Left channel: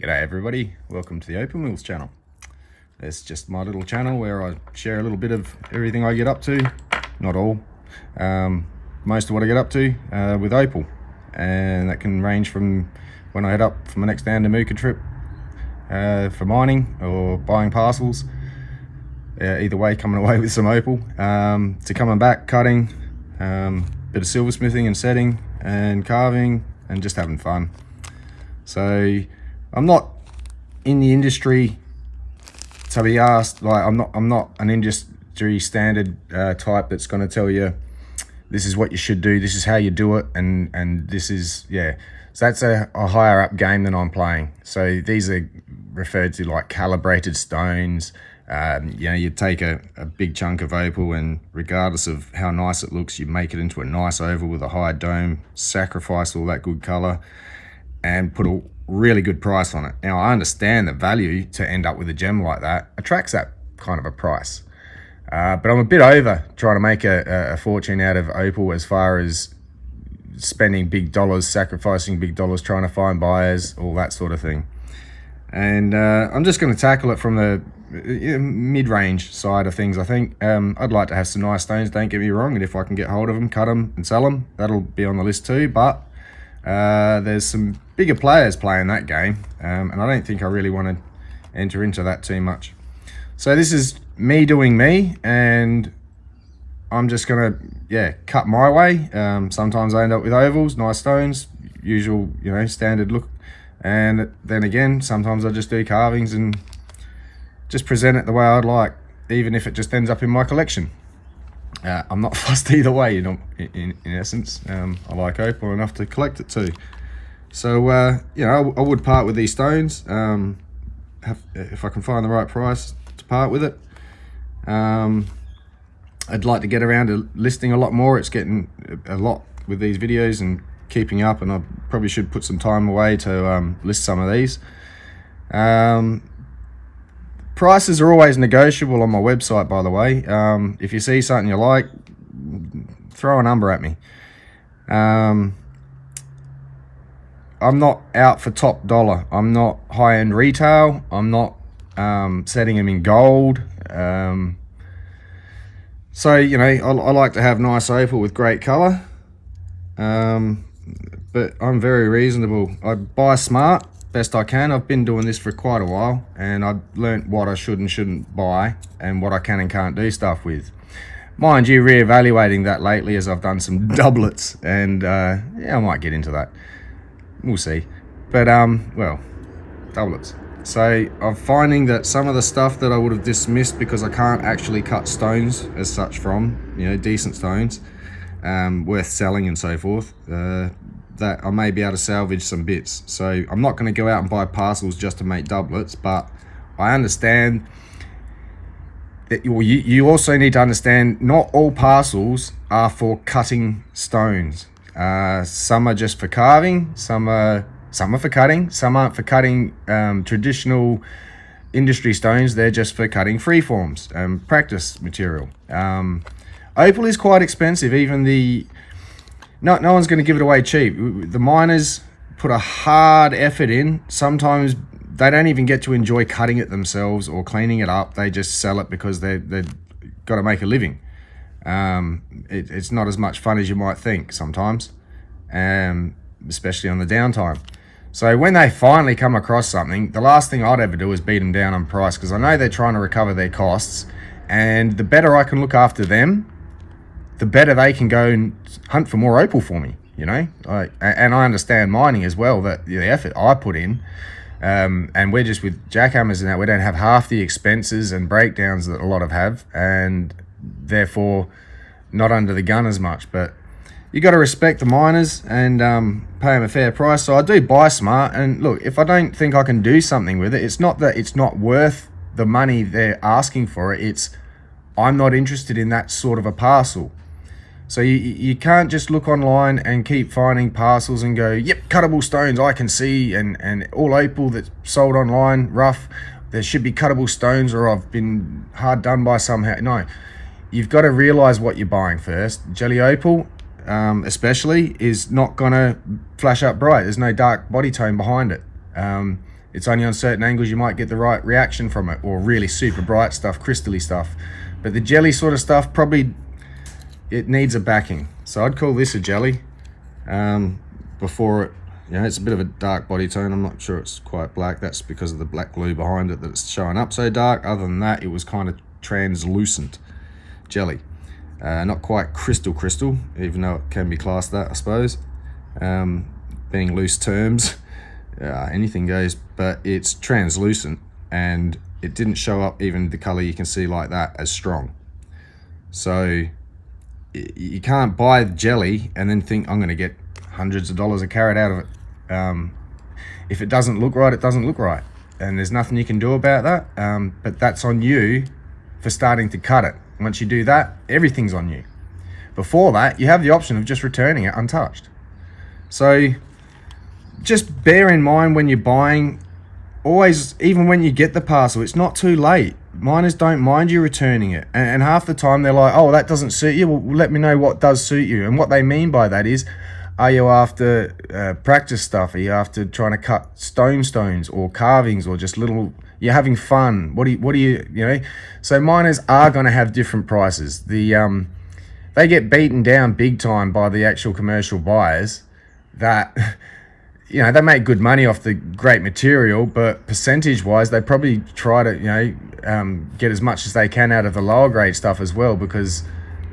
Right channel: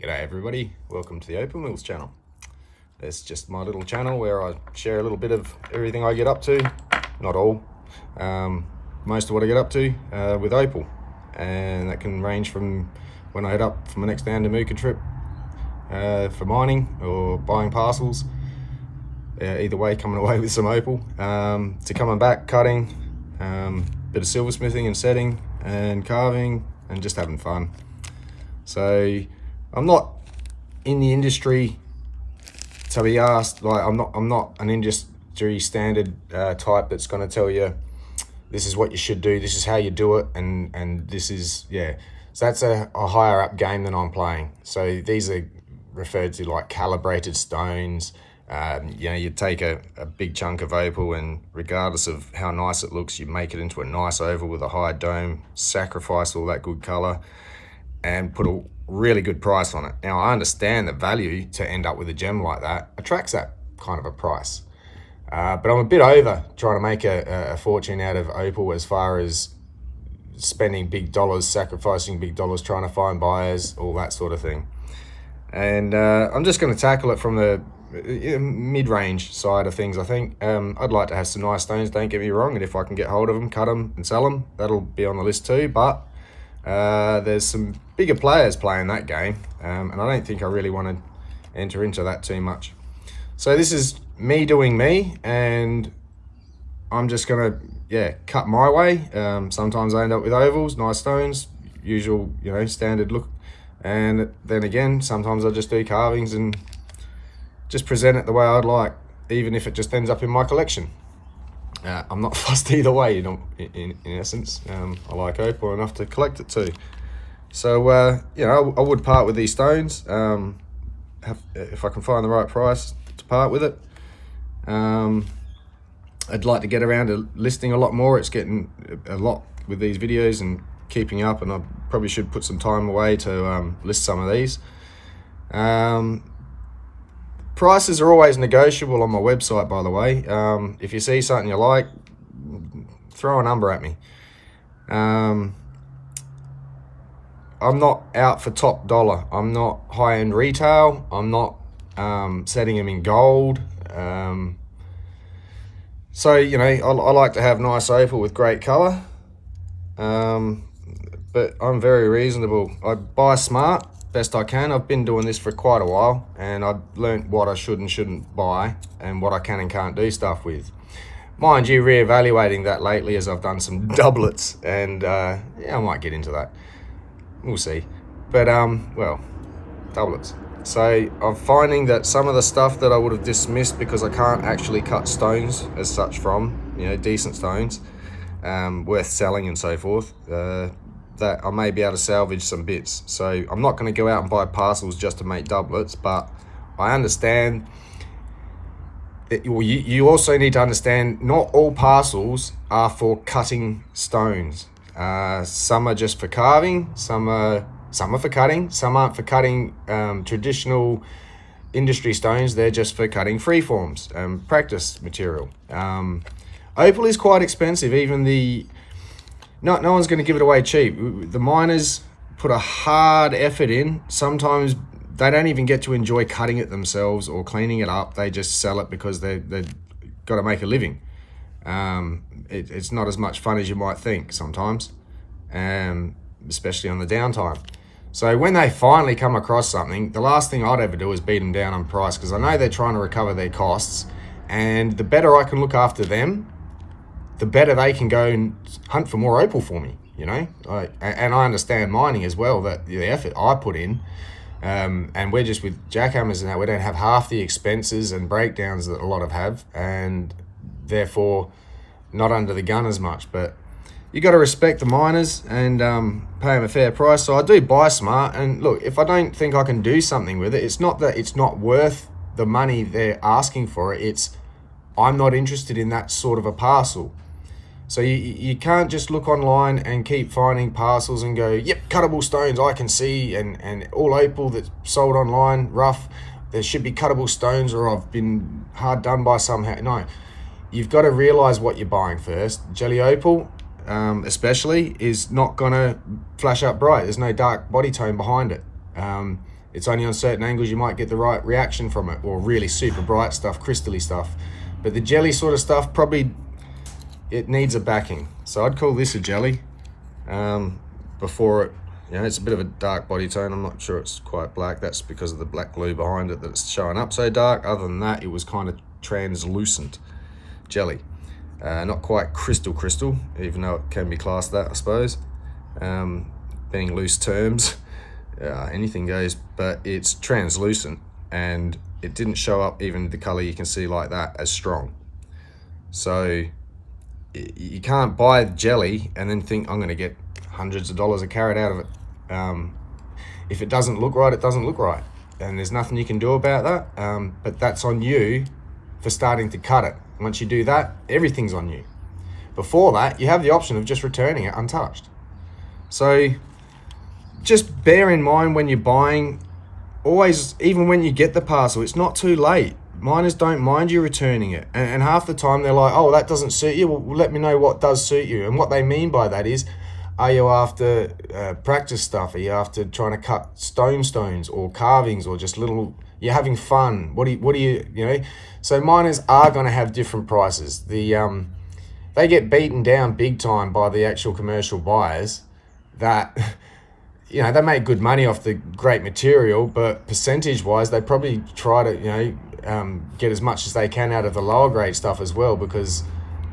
G'day everybody, welcome to the Opal Mills channel. It's just my little channel where I share a little bit of everything I get up to, not all, most of what I get up to with Opal. And that can range from when I head up for my next Mooka trip for mining or buying parcels, either way coming away with some Opal, to coming back, cutting, bit of silversmithing and setting and carving and just having fun. So I'm not in the industry to be asked, like I'm not an industry standard type that's going to tell you this is what you should do, this is how you do it, and this is, yeah. So that's a higher up game than I'm playing. So these are referred to like calibrated stones. You take a big chunk of opal, and regardless of how nice it looks, you make it into a nice oval with a high dome, sacrifice all that good color, and put a really good price on it. Now, I understand the value to end up with a gem like that attracts that kind of a price. But I'm a bit over trying to make a fortune out of opal as far as spending big dollars, sacrificing big dollars, trying to find buyers, all that sort of thing. And I'm just going to tackle it from the mid-range side of things, I think. I'd like to have some nice stones, don't get me wrong, and if I can get hold of them, cut them and sell them, that'll be on the list too. But there's some bigger players playing that game, and I don't think I really want to enter into that too much. So this is me doing me, and I'm just gonna cut my way. Sometimes I end up with ovals, nice stones, usual standard look, and then again sometimes I just do carvings and just present it the way I'd like, even if it just ends up in my collection. I'm not fussed either way, in essence. I like opal enough to collect it too. So, I would part with these stones, if I can find the right price to part with it. I'd like to get around to listing a lot more. It's getting a lot with these videos and keeping up, and I probably should put some time away to list some of these. Prices are always negotiable on my website, by the way. If you see something you like, throw a number at me. I'm not out for top dollar. I'm not high-end retail. I'm not setting them in gold. So, I like to have nice opal with great color. But I'm very reasonable. I buy smart, best I can. I've been doing this for quite a while, and I've learnt what I should and shouldn't buy and what I can and can't do stuff with. Mind you, reevaluating that lately as I've done some doublets, and I might get into that. We'll see. But doublets. So I'm finding that some of the stuff that I would have dismissed because I can't actually cut stones as such from, decent stones, worth selling and so forth, that I may be able to salvage some bits. So I'm not going to go out and buy parcels just to make doublets, but I understand that you also need to understand not all parcels are for cutting stones. Some are just for carving, some are for cutting, some aren't for cutting traditional industry stones, they're just for cutting freeforms, practice material. Opal is quite expensive, even no one's going to give it away cheap. The miners put a hard effort in. Sometimes they don't even get to enjoy cutting it themselves or cleaning it up. They just sell it because they've got to make a living. It's not as much fun as you might think sometimes, especially on the downtime. So when they finally come across something, the last thing I'd ever do is beat them down on price, because I know they're trying to recover their costs, and the better I can look after them, the better they can go and hunt for more opal for me, and I understand mining as well, that the effort I put in, and we're just with jackhammers and that, we don't have half the expenses and breakdowns that a lot have, and therefore not under the gun as much. But you got to respect the miners and pay them a fair price. So I do buy smart, and look, if I don't think I can do something with it, it's not that it's not worth the money they're asking for it, it's I'm not interested in that sort of a parcel. So you can't just look online and keep finding parcels and go, yep, cuttable stones I can see, and all opal that's sold online, rough, there should be cuttable stones, or I've been hard done by somehow. No, you've got to realize what you're buying first. Jelly opal, especially, is not gonna flash up bright. There's no dark body tone behind it. It's only on certain angles you might get the right reaction from it, or really super bright stuff, crystally stuff. But the jelly sort of stuff, probably it needs a backing. So I'd call this a jelly before it, it's a bit of a dark body tone. I'm not sure it's quite black. That's because of the black glue behind it that's showing up so dark. Other than that, it was kind of translucent jelly. Not quite crystal, even though it can be classed that, I suppose. Being loose terms, anything goes, but it's translucent, and it didn't show up even the color you can see like that as strong. So you can't buy jelly and then think I'm going to get hundreds of dollars a carat out of it. If it doesn't look right, it doesn't look right, and there's nothing you can do about that. But that's on you for starting to cut it. Once you do that, everything's on you. Before that, you have the option of just returning it untouched. So just bear in mind when you're buying, always, even when you get the parcel, it's not too late. Miners don't mind you returning it, and half the time they're like, oh, that doesn't suit you. Well, let me know what does suit you. And what they mean by that is, are you after practice stuff? Are you after trying to cut stones or carvings, or just little, you're having fun? What do you So miners are going to have different prices. They get beaten down big time by the actual commercial buyers that, they make good money off the great material, but percentage wise, they probably try to, get as much as they can out of the lower grade stuff as well, because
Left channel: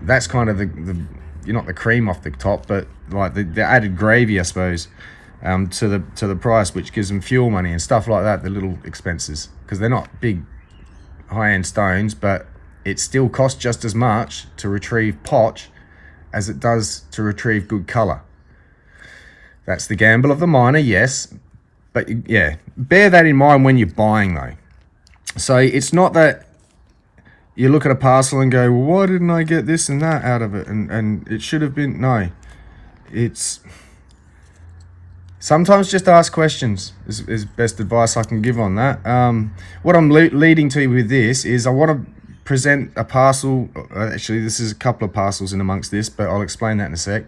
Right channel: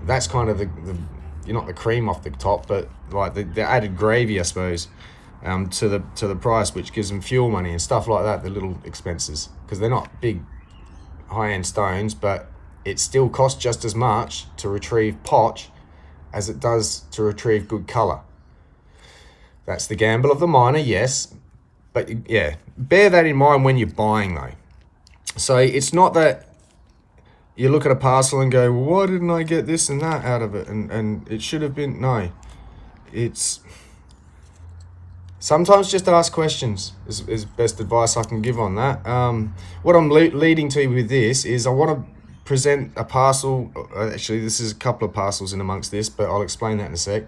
that's kind of the you're not the cream off the top, but like the added gravy, I suppose, to the price, which gives them fuel money and stuff like that, the little expenses, because they're not big high-end stones, but it still costs just as much to retrieve potch as it does to retrieve good color. That's the gamble of the miner, yes, but yeah, bear that in mind when you're buying though. So it's not that you look at a parcel and go, well, why didn't I get this and that out of it? And it should have been, no. It's, sometimes just ask questions is best advice I can give on that. What I'm leading to with this is I want to present a parcel. Actually, this is a couple of parcels in amongst this, but I'll explain that in a sec.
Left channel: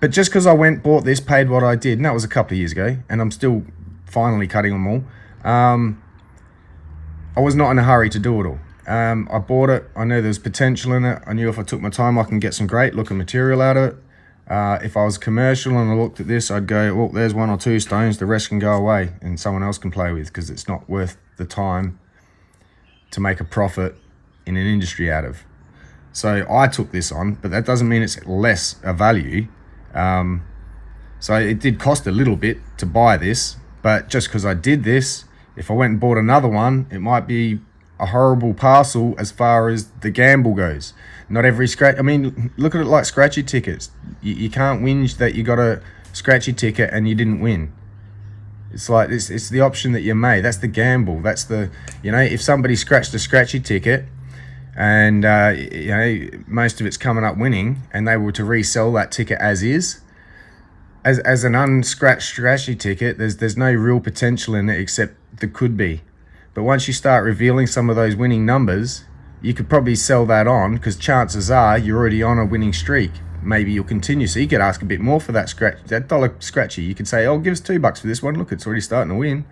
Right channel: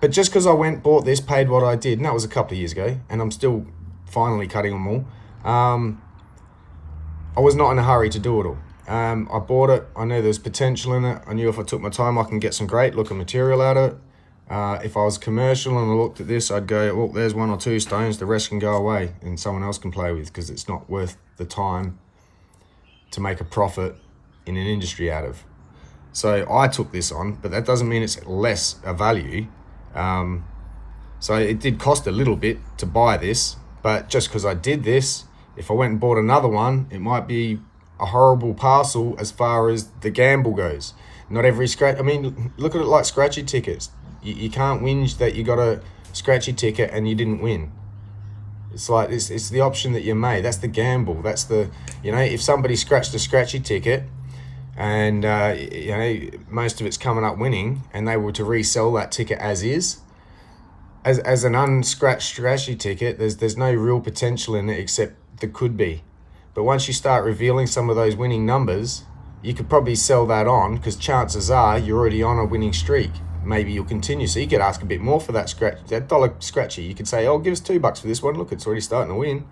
But just because I bought this, paid what I did, and that was a couple of years ago, and I'm still finally cutting them all. I was not in a hurry to do it all. I bought it, I knew there was potential in it. I knew if I took my time, I can get some great looking material out of it. If I was commercial and I looked at this, I'd go, oh, there's 1 or 2 stones, the rest can go away and someone else can play with, because it's not worth the time to make a profit in an industry out of. So I took this on, but that doesn't mean it's less a value. So it did cost a little bit to buy this, but just because I did this, if I went and bought another one, it might be a horrible parcel as far as the gamble goes. Not every scratch, I mean, look at it like scratchy tickets. You can't whinge that you got a scratchy ticket and you didn't win. It's like, it's the option that you made. That's the gamble. That's the, if somebody scratched a scratchy ticket and, most of it's coming up winning, and they were to resell that ticket as is, as an unscratched scratchy ticket, there's no real potential in it, except there could be. But once you start revealing some of those winning numbers, you could probably sell that on, because chances are you're already on a winning streak. Maybe you'll continue, so you could ask a bit more for that dollar scratchy. You could say, oh, give us $2 for this one. Look, it's already starting to win.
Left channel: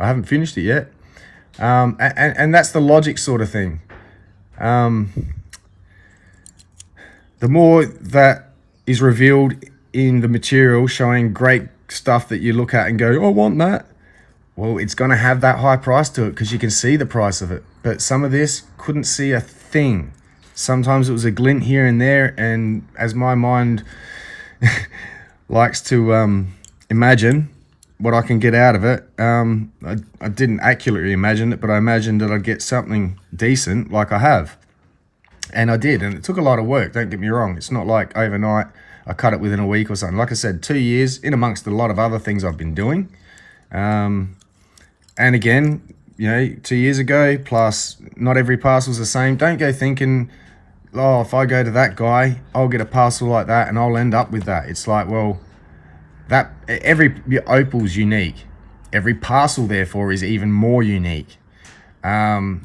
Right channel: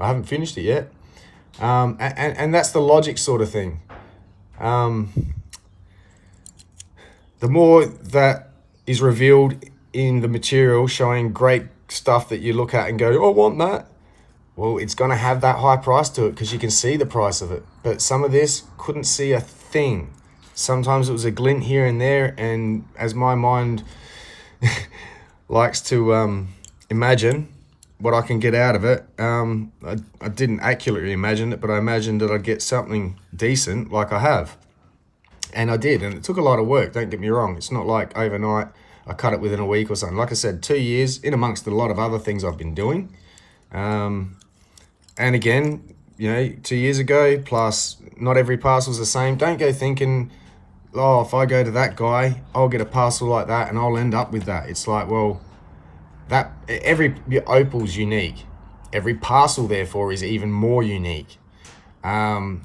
I haven't finished it yet. And that's the logic sort of thing. The more that is revealed in the material, showing great stuff that you look at and go, oh, I want that. Well, it's going to have that high price to it because you can see the price of it. But some of this couldn't see a thing. Sometimes it was a glint here and there, and as my mind likes to imagine what I can get out of it, I didn't accurately imagine it, but I imagined that I'd get something decent like I have. And I did, and it took a lot of work, don't get me wrong. It's not like overnight, I cut it within a week or something. Like I said, 2 years, in amongst a lot of other things I've been doing. And again, 2 years ago, plus not every parcel's the same. Don't go thinking, oh, if I go to that guy, I'll get a parcel like that and I'll end up with that. It's like, well, every opal's unique. Every parcel, therefore, is even more unique. Then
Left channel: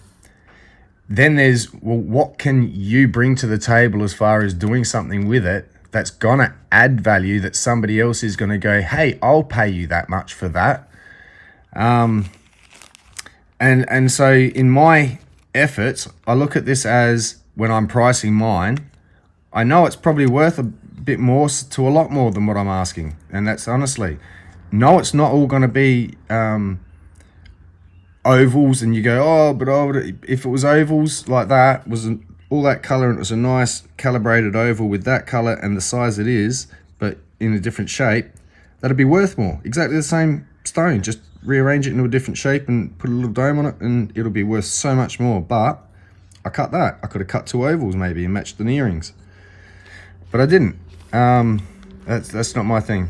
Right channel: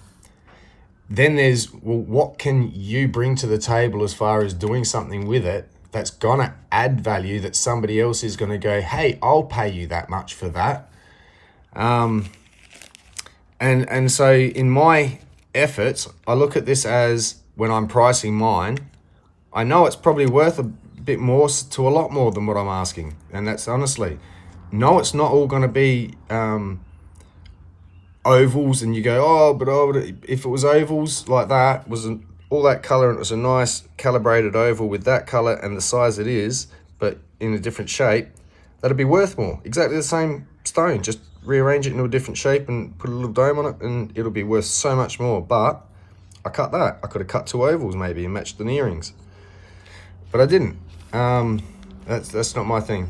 there's, well, what can you bring to the table as far as doing something with it that's gonna add value, that somebody else is gonna go, hey, I'll pay you that much for that. And so in my efforts, I look at this as, when I'm pricing mine, I know it's probably worth a bit more, to a lot more than what I'm asking. And that's honestly, no, it's not all going to be ovals and you go, oh, but if it was ovals like that, was all that color, and it was a nice calibrated oval with that color and the size it is, but in a different shape, that'd be worth more. Exactly the same stone, just rearrange it into a different shape and put a little dome on it, and it'll be worth so much more. But I cut that. I could have cut 2 ovals maybe and matched the earrings, but I didn't. That's not my thing.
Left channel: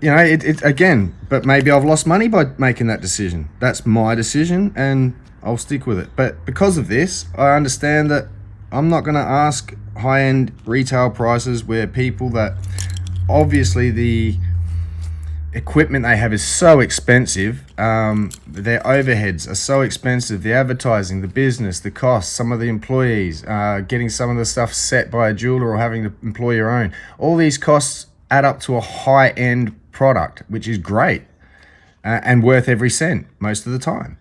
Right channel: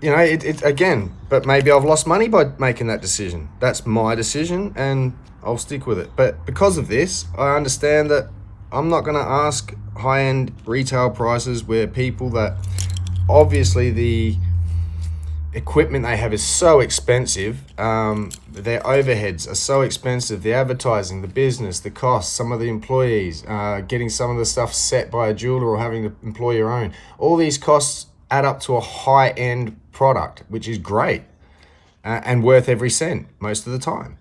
You know, it again, but maybe I've lost money by making that decision. That's my decision, and I'll stick with it. But because of this, I understand that I'm not going to ask high-end retail prices where people that obviously the equipment they have is so expensive, their overheads are so expensive, the advertising, the business, the costs, some of the employees, getting some of the stuff set by a jeweler or having to employ your own. All these costs add up to a high-end product, which is great and worth every cent most of the time.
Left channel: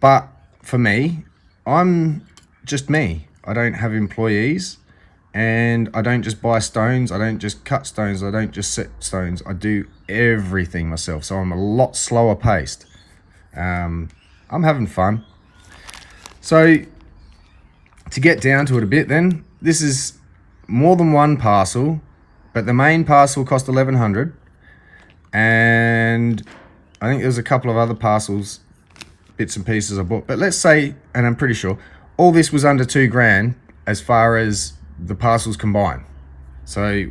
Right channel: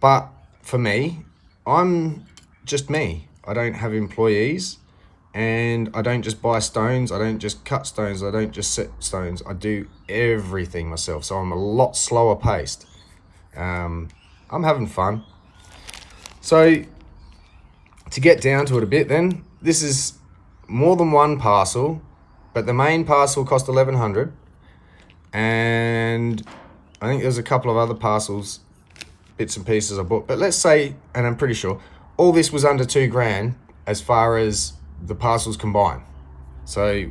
But for me, I'm just me. I don't have employees, and I don't just buy stones. I don't just cut stones. I don't just set stones. I do everything myself. So I'm a lot slower paced. I'm having fun. So to get down to it a bit then, this is more than one parcel, but the main parcel cost $1,100. And I think there's a couple of other parcels, bits and pieces I bought. But let's say, and I'm pretty sure, all this was under $2,000 as far as the parcels combined. So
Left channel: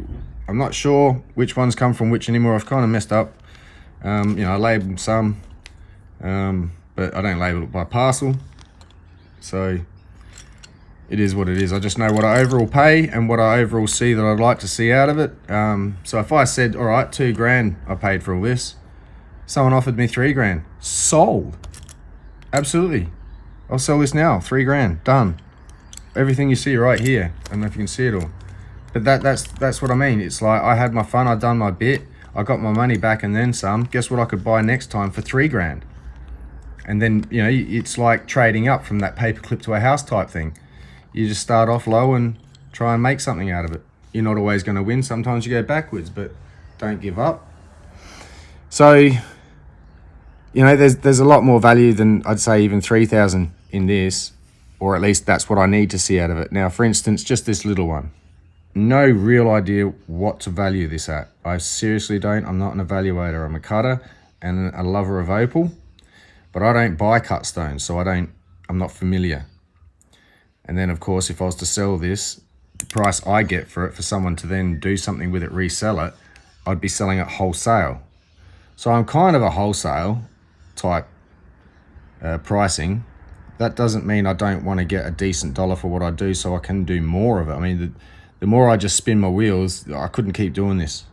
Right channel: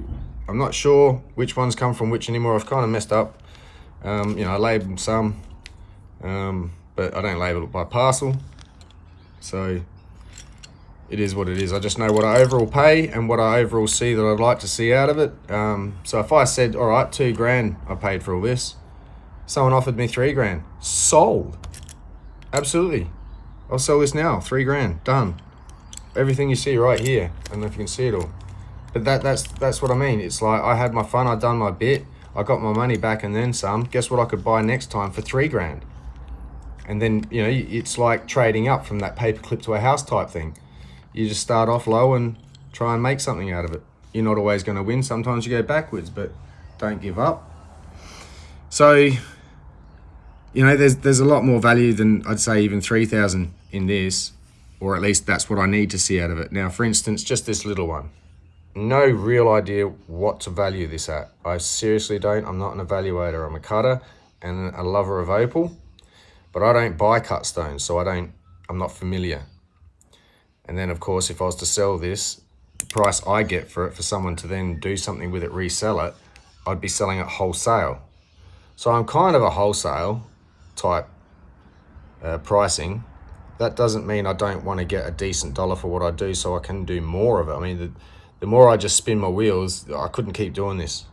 I'm not sure which ones come from which anymore. I've kind of messed up. You know, I labeled some, but I don't label it by parcel. So it is what it is. I just know what I overall pay and what I overall see that I'd like to see out of it. So if I said, all right, $2,000 I paid for all this, someone offered me $3,000, sold. Absolutely. I'll sell this now, $3,000, done. Everything you see right here. I don't know if you can see it all. But that's what I mean. It's like, I had my fun, I done my bit, I got my money back and then some. Guess what I could buy next time for $3,000? And then, you know, it's like trading up from that paperclip to a house type thing. You just start off low and try and make something out of it. You're not always going to win. Sometimes you go backwards, but don't give up. So, you know, there's a lot more value than, I'd say, even 3,000 in this, or at least that's what I need to see out of it. Now, for instance, just this little one. No real idea what to value this at. I seriously don't. I'm not an evaluator. I'm a cutter and a lover of opal, but I don't buy cut stones, so I'm not familiar. And then, of course, if I was to sell this, the price I get for it, for someone to then do something with it, resell it, I'd be selling it wholesale. So I'm kind of a wholesale type pricing. That doesn't mean I don't want to get a decent dollar for what I do, so I can do more of it. I mean, the more I just spin my wheels, I couldn't keep doing this.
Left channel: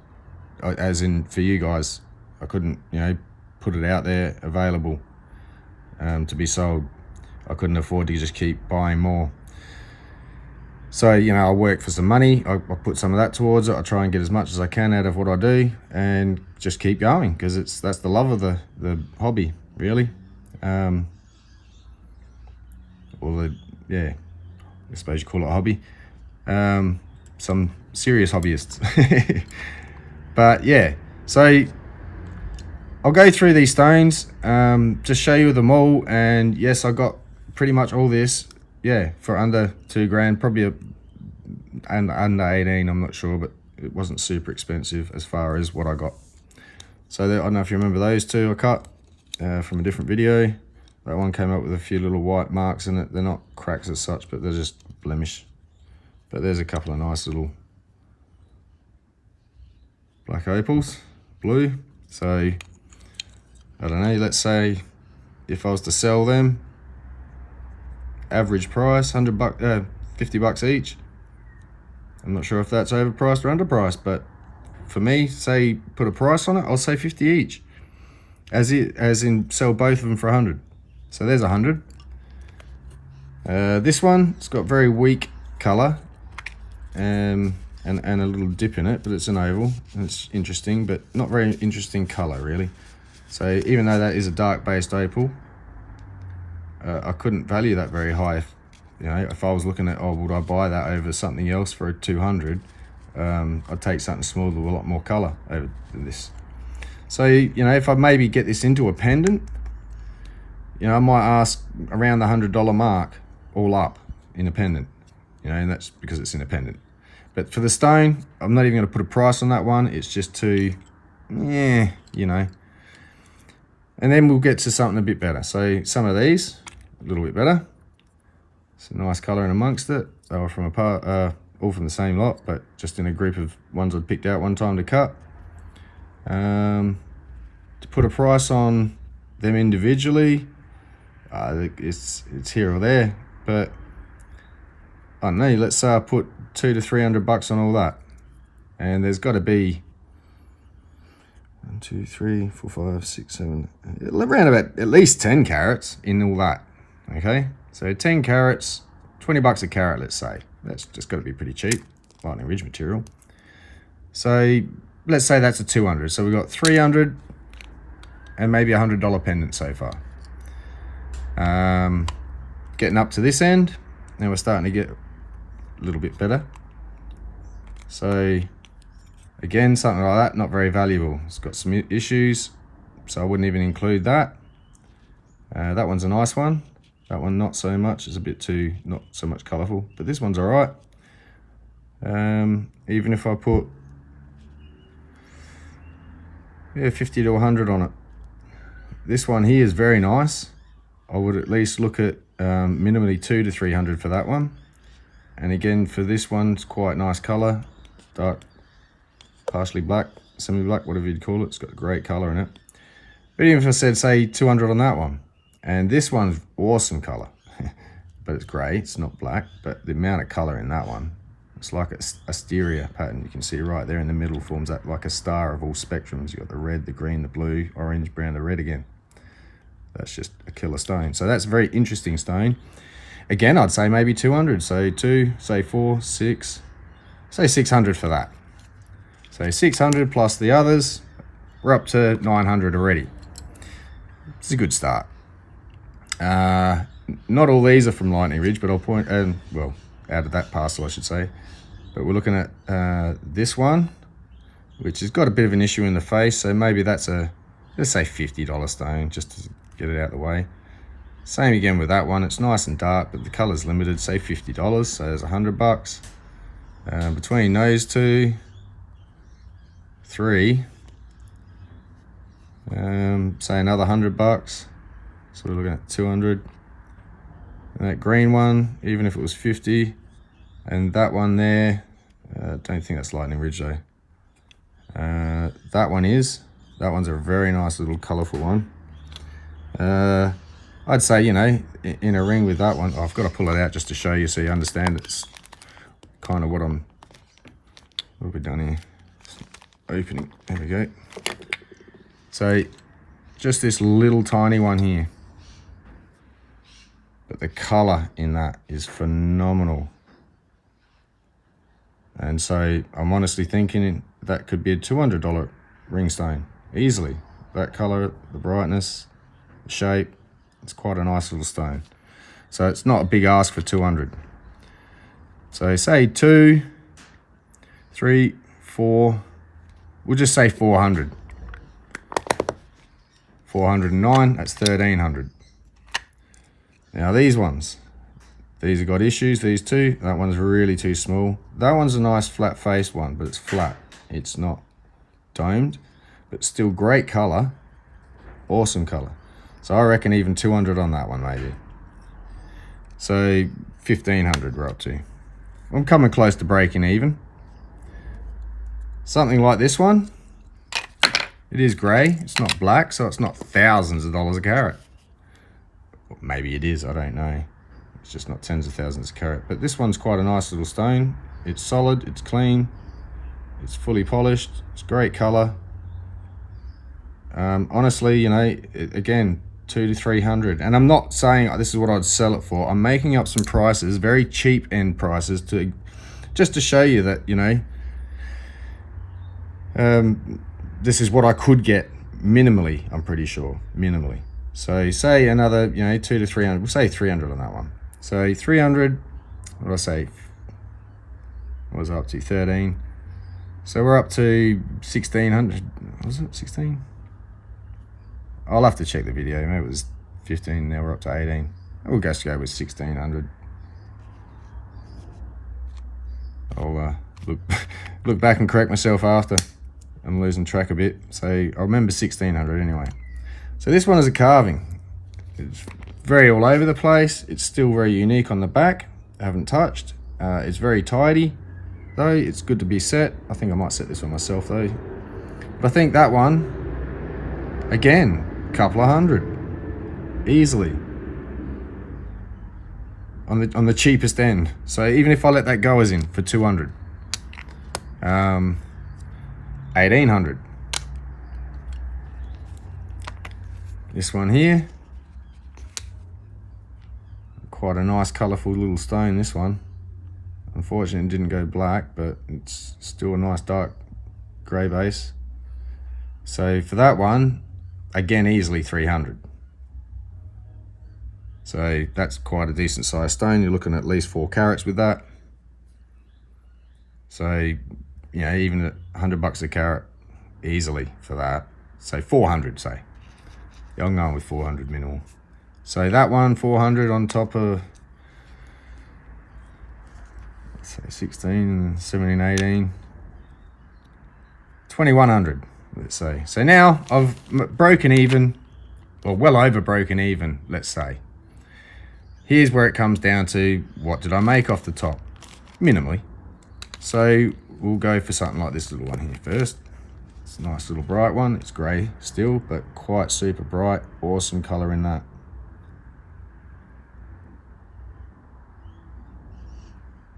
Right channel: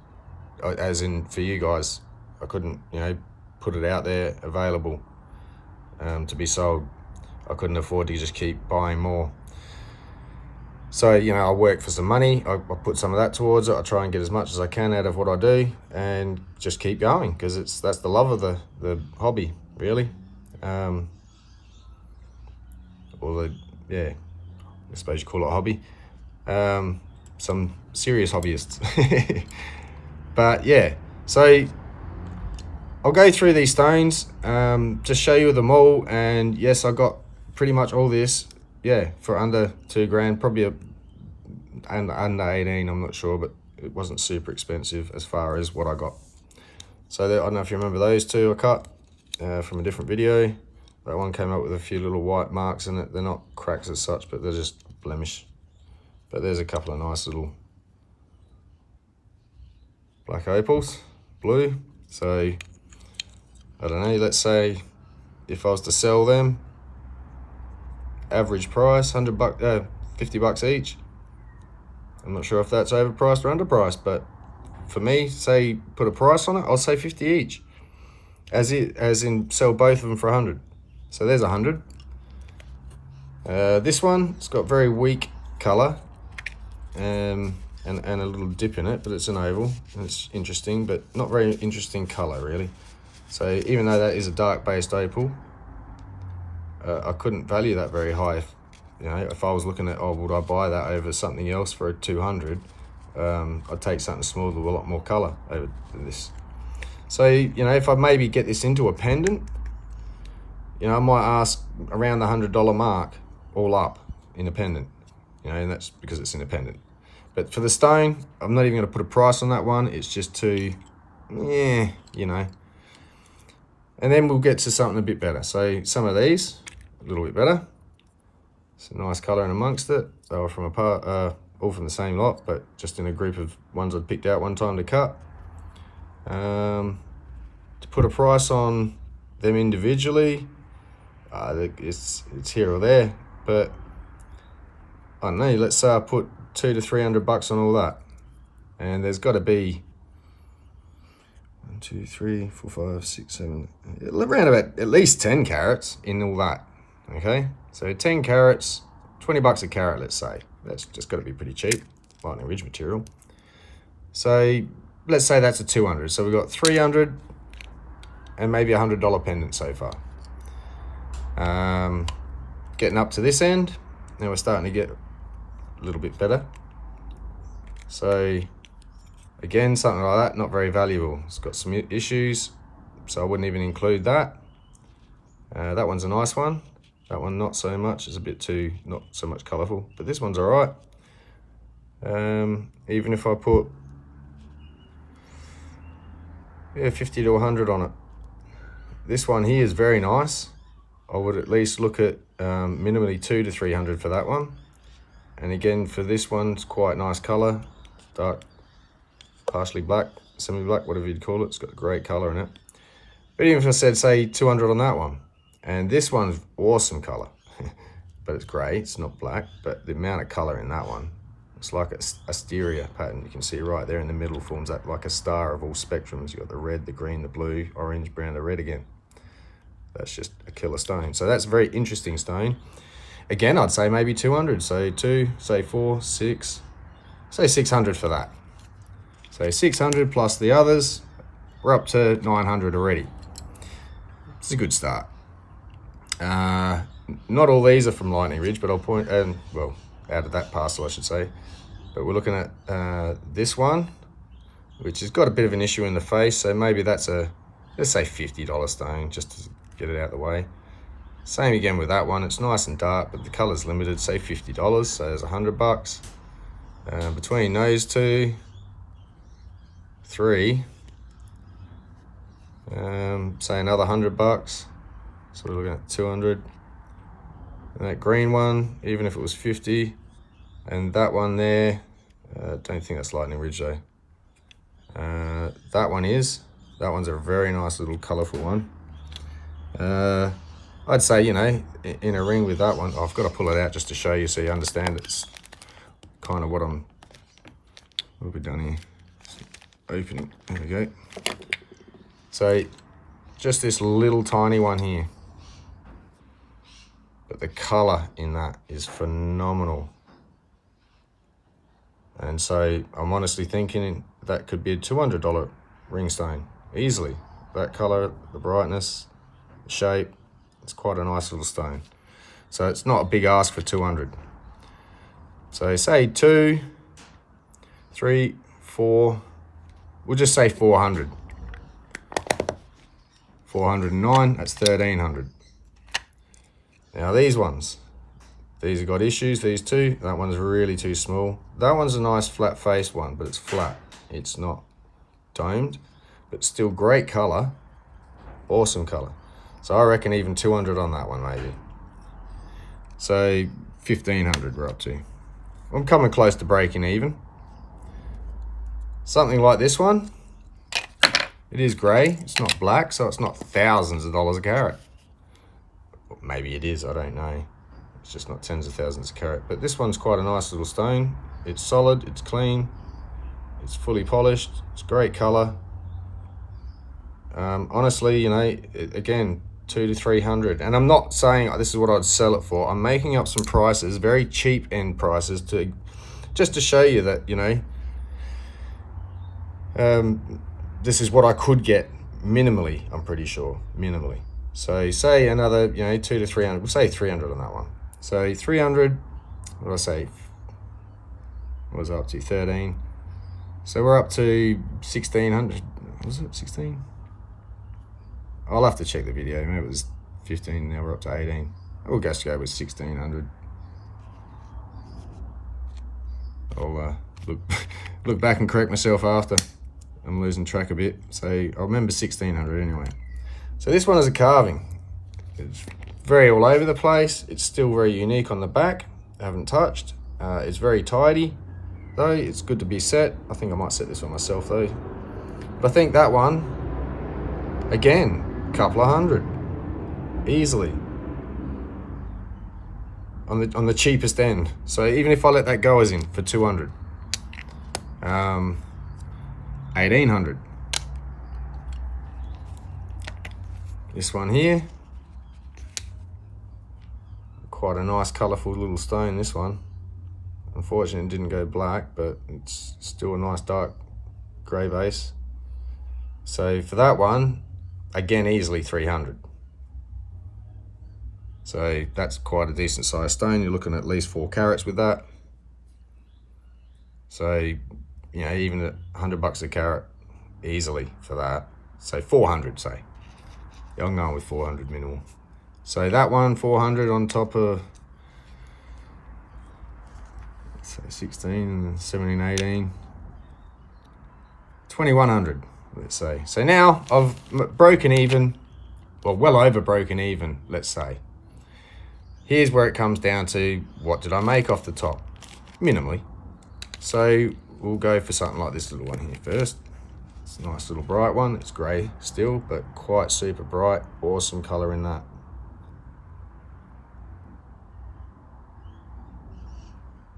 As in, for you guys, I couldn't, you know, put it out there available to be sold. I couldn't afford to just keep buying more. So, you know, I work for some money. I put some of that towards it. I try and get as much as I can out of what I do and just keep going, because that's the love of the hobby, really. I suppose you call it a hobby. Some serious hobbyists. But yeah, so I'll go through these stones, just show you them all. And yes, I got pretty much all this, yeah, for under $2,000, probably under 18, I'm not sure, but it wasn't super expensive as far as what I got. So I don't know if you remember those two I cut from a different video. That one came up with a few little white marks in it. They're not cracks as such, but they're just blemish. But there's a couple of nice little black opals, blue. So I don't know, let's say if I was to sell them, average price, $50 each. I'm not sure if that's overpriced or underpriced, but for me, say put a price on it, I'll say 50 each. As in sell both of them for 100. So there's 100. This one, it's got very weak color, and and a little dip in it, but it's an oval and it's interesting, but not very interesting color really. So even though that is a dark based opal, I couldn't value that very high. You know, if I was looking at, oh, would I buy that over something else for a 200? I'd take something smaller with a lot more color over than this. So, you know, if I maybe get this into a pendant, you know, I might ask around the $100 mark all up in a pendant, you know, and that's because it's independent. But for the stone, I'm not even going to put a price on that one. It's just too, yeah, you know. And then we'll get to something a bit better. So some of these, a little bit better. It's a nice color in amongst it. They were from all from the same lot, but just in a group of ones I'd picked out one time to cut. To put a price on them individually, it's here or there, but I don't know, let's say I put $200 to $300 on all that, and there's got to be 1, 2, 3, 4, 5, 6, 7, around about at least 10 carats in all that. Okay, so 10 carats, $20 a carat, let's say. That's just got to be pretty cheap, Lightning Ridge material. So let's say that's a 200. So we've got 300 and maybe a $100 pendant so far. Getting up to this end, now we're starting to get a little bit better. So again, something like that, not very valuable. It's got some issues, so I wouldn't even include that. That one's a nice one. That one not so much. It's a bit too, not so much colourful, but this one's all right. Even if I put, yeah, 50 to 100 on it. This one here is very nice. I would at least look at minimally 200 to 300 for that one. And again, for this one, it's quite nice colour, dark, partially black, semi-black, whatever you'd call it. It's got a great colour in it. But even if I said, say, 200 on that one, and this one's awesome colour, but it's grey, it's not black, but the amount of colour in that one, it's like a asteria pattern. You can see right there in the middle forms that like a star of all spectrums. You've got the red, the green, the blue, orange, brown, the red again. That's just a killer stone. So that's a very interesting stone. Again, I'd say maybe 200. So 2, say 4, 6, say 600 for that. So 600 plus the others, we're up to 900 already. It's a good start. Not all these are from Lightning Ridge, but I'll point, well, out of that parcel I should say. But we're looking at this one, which has got a bit of an issue in the face. So maybe that's a, let's say $50 stone, just to get it out of the way. Same again with that one. It's nice and dark, but the color's limited, say $50, so there's $100. Between those two, 3, say another $100. So we're looking at 200. And that green one, even if it was 50, and that one there, don't think that's Lightning Ridge though. That one is. That one's a very nice little colourful one. I'd say, you know, in a ring with that one, I've got to pull it out just to show you so you understand it's kind of what I'm, what have we done here? Opening, there we go. So just this little tiny one here. But the colour in that is phenomenal. And so I'm honestly thinking that could be a $200 ring stone, easily. That colour, the brightness, the shape, it's quite a nice little stone. So it's not a big ask for 200. So say 2, 3, 4, we'll just say 400. 409, that's 1300. Now these ones, these have got issues, these two. That one's really too small. That one's a nice flat faced one, but it's flat. It's not domed, but still great color, awesome color. So I reckon even 200 on that one maybe. So 1500 we're up to. I'm coming close to breaking even. Something like this one, it is gray, it's not black, so it's not thousands of dollars a carat. Maybe it is, I don't know. It's just not tens of thousands a carat. But this one's quite a nice little stone. It's solid, it's clean, it's fully polished, it's great color. Honestly, you know, again, 200 to 300. And I'm not saying this is what I'd sell it for. I'm making up some prices, very cheap end prices, just to show you that, you know, This is what I could get minimally, I'm pretty sure, minimally. So say another, 200 to 300, we'll say 300 on that one. So 300, what did I say? What was I up to, 13? So we're up to 1600, was it 16? I'll have to check the video, maybe it was 15, now we're up to 18. We'll just go with 1600. I'll look back and correct myself after. I'm losing track a bit, so I'll remember 1600 anyway. So this one is a carving. It's very all over the place. It's still very unique on the back. I haven't touched. It's very tidy, though. It's good to be set. I think I might set this one myself though. But I think that one, again, a couple of hundred, easily. On the cheapest end. So even if I let that go as in for 200, 1800. This one here, quite a nice colourful little stone, this one. Unfortunately it didn't go black, but it's still a nice dark grey base. So for that one, again, easily 300. So that's quite a decent sized stone. You're looking at least 4 carats with that. So, even at $100 a carat, easily for that. So 400, say. Yeah, I'm going with 400 minimal. So that one, 400 on top of, let's say 16, 17, 18, 2100, let's say. So now I've broken even, well over broken even, let's say. Here's where it comes down to, what did I make off the top? Minimally. So we'll go for something like this little one here first. It's a nice little bright one. It's grey still, but quite super bright. Awesome colour in that.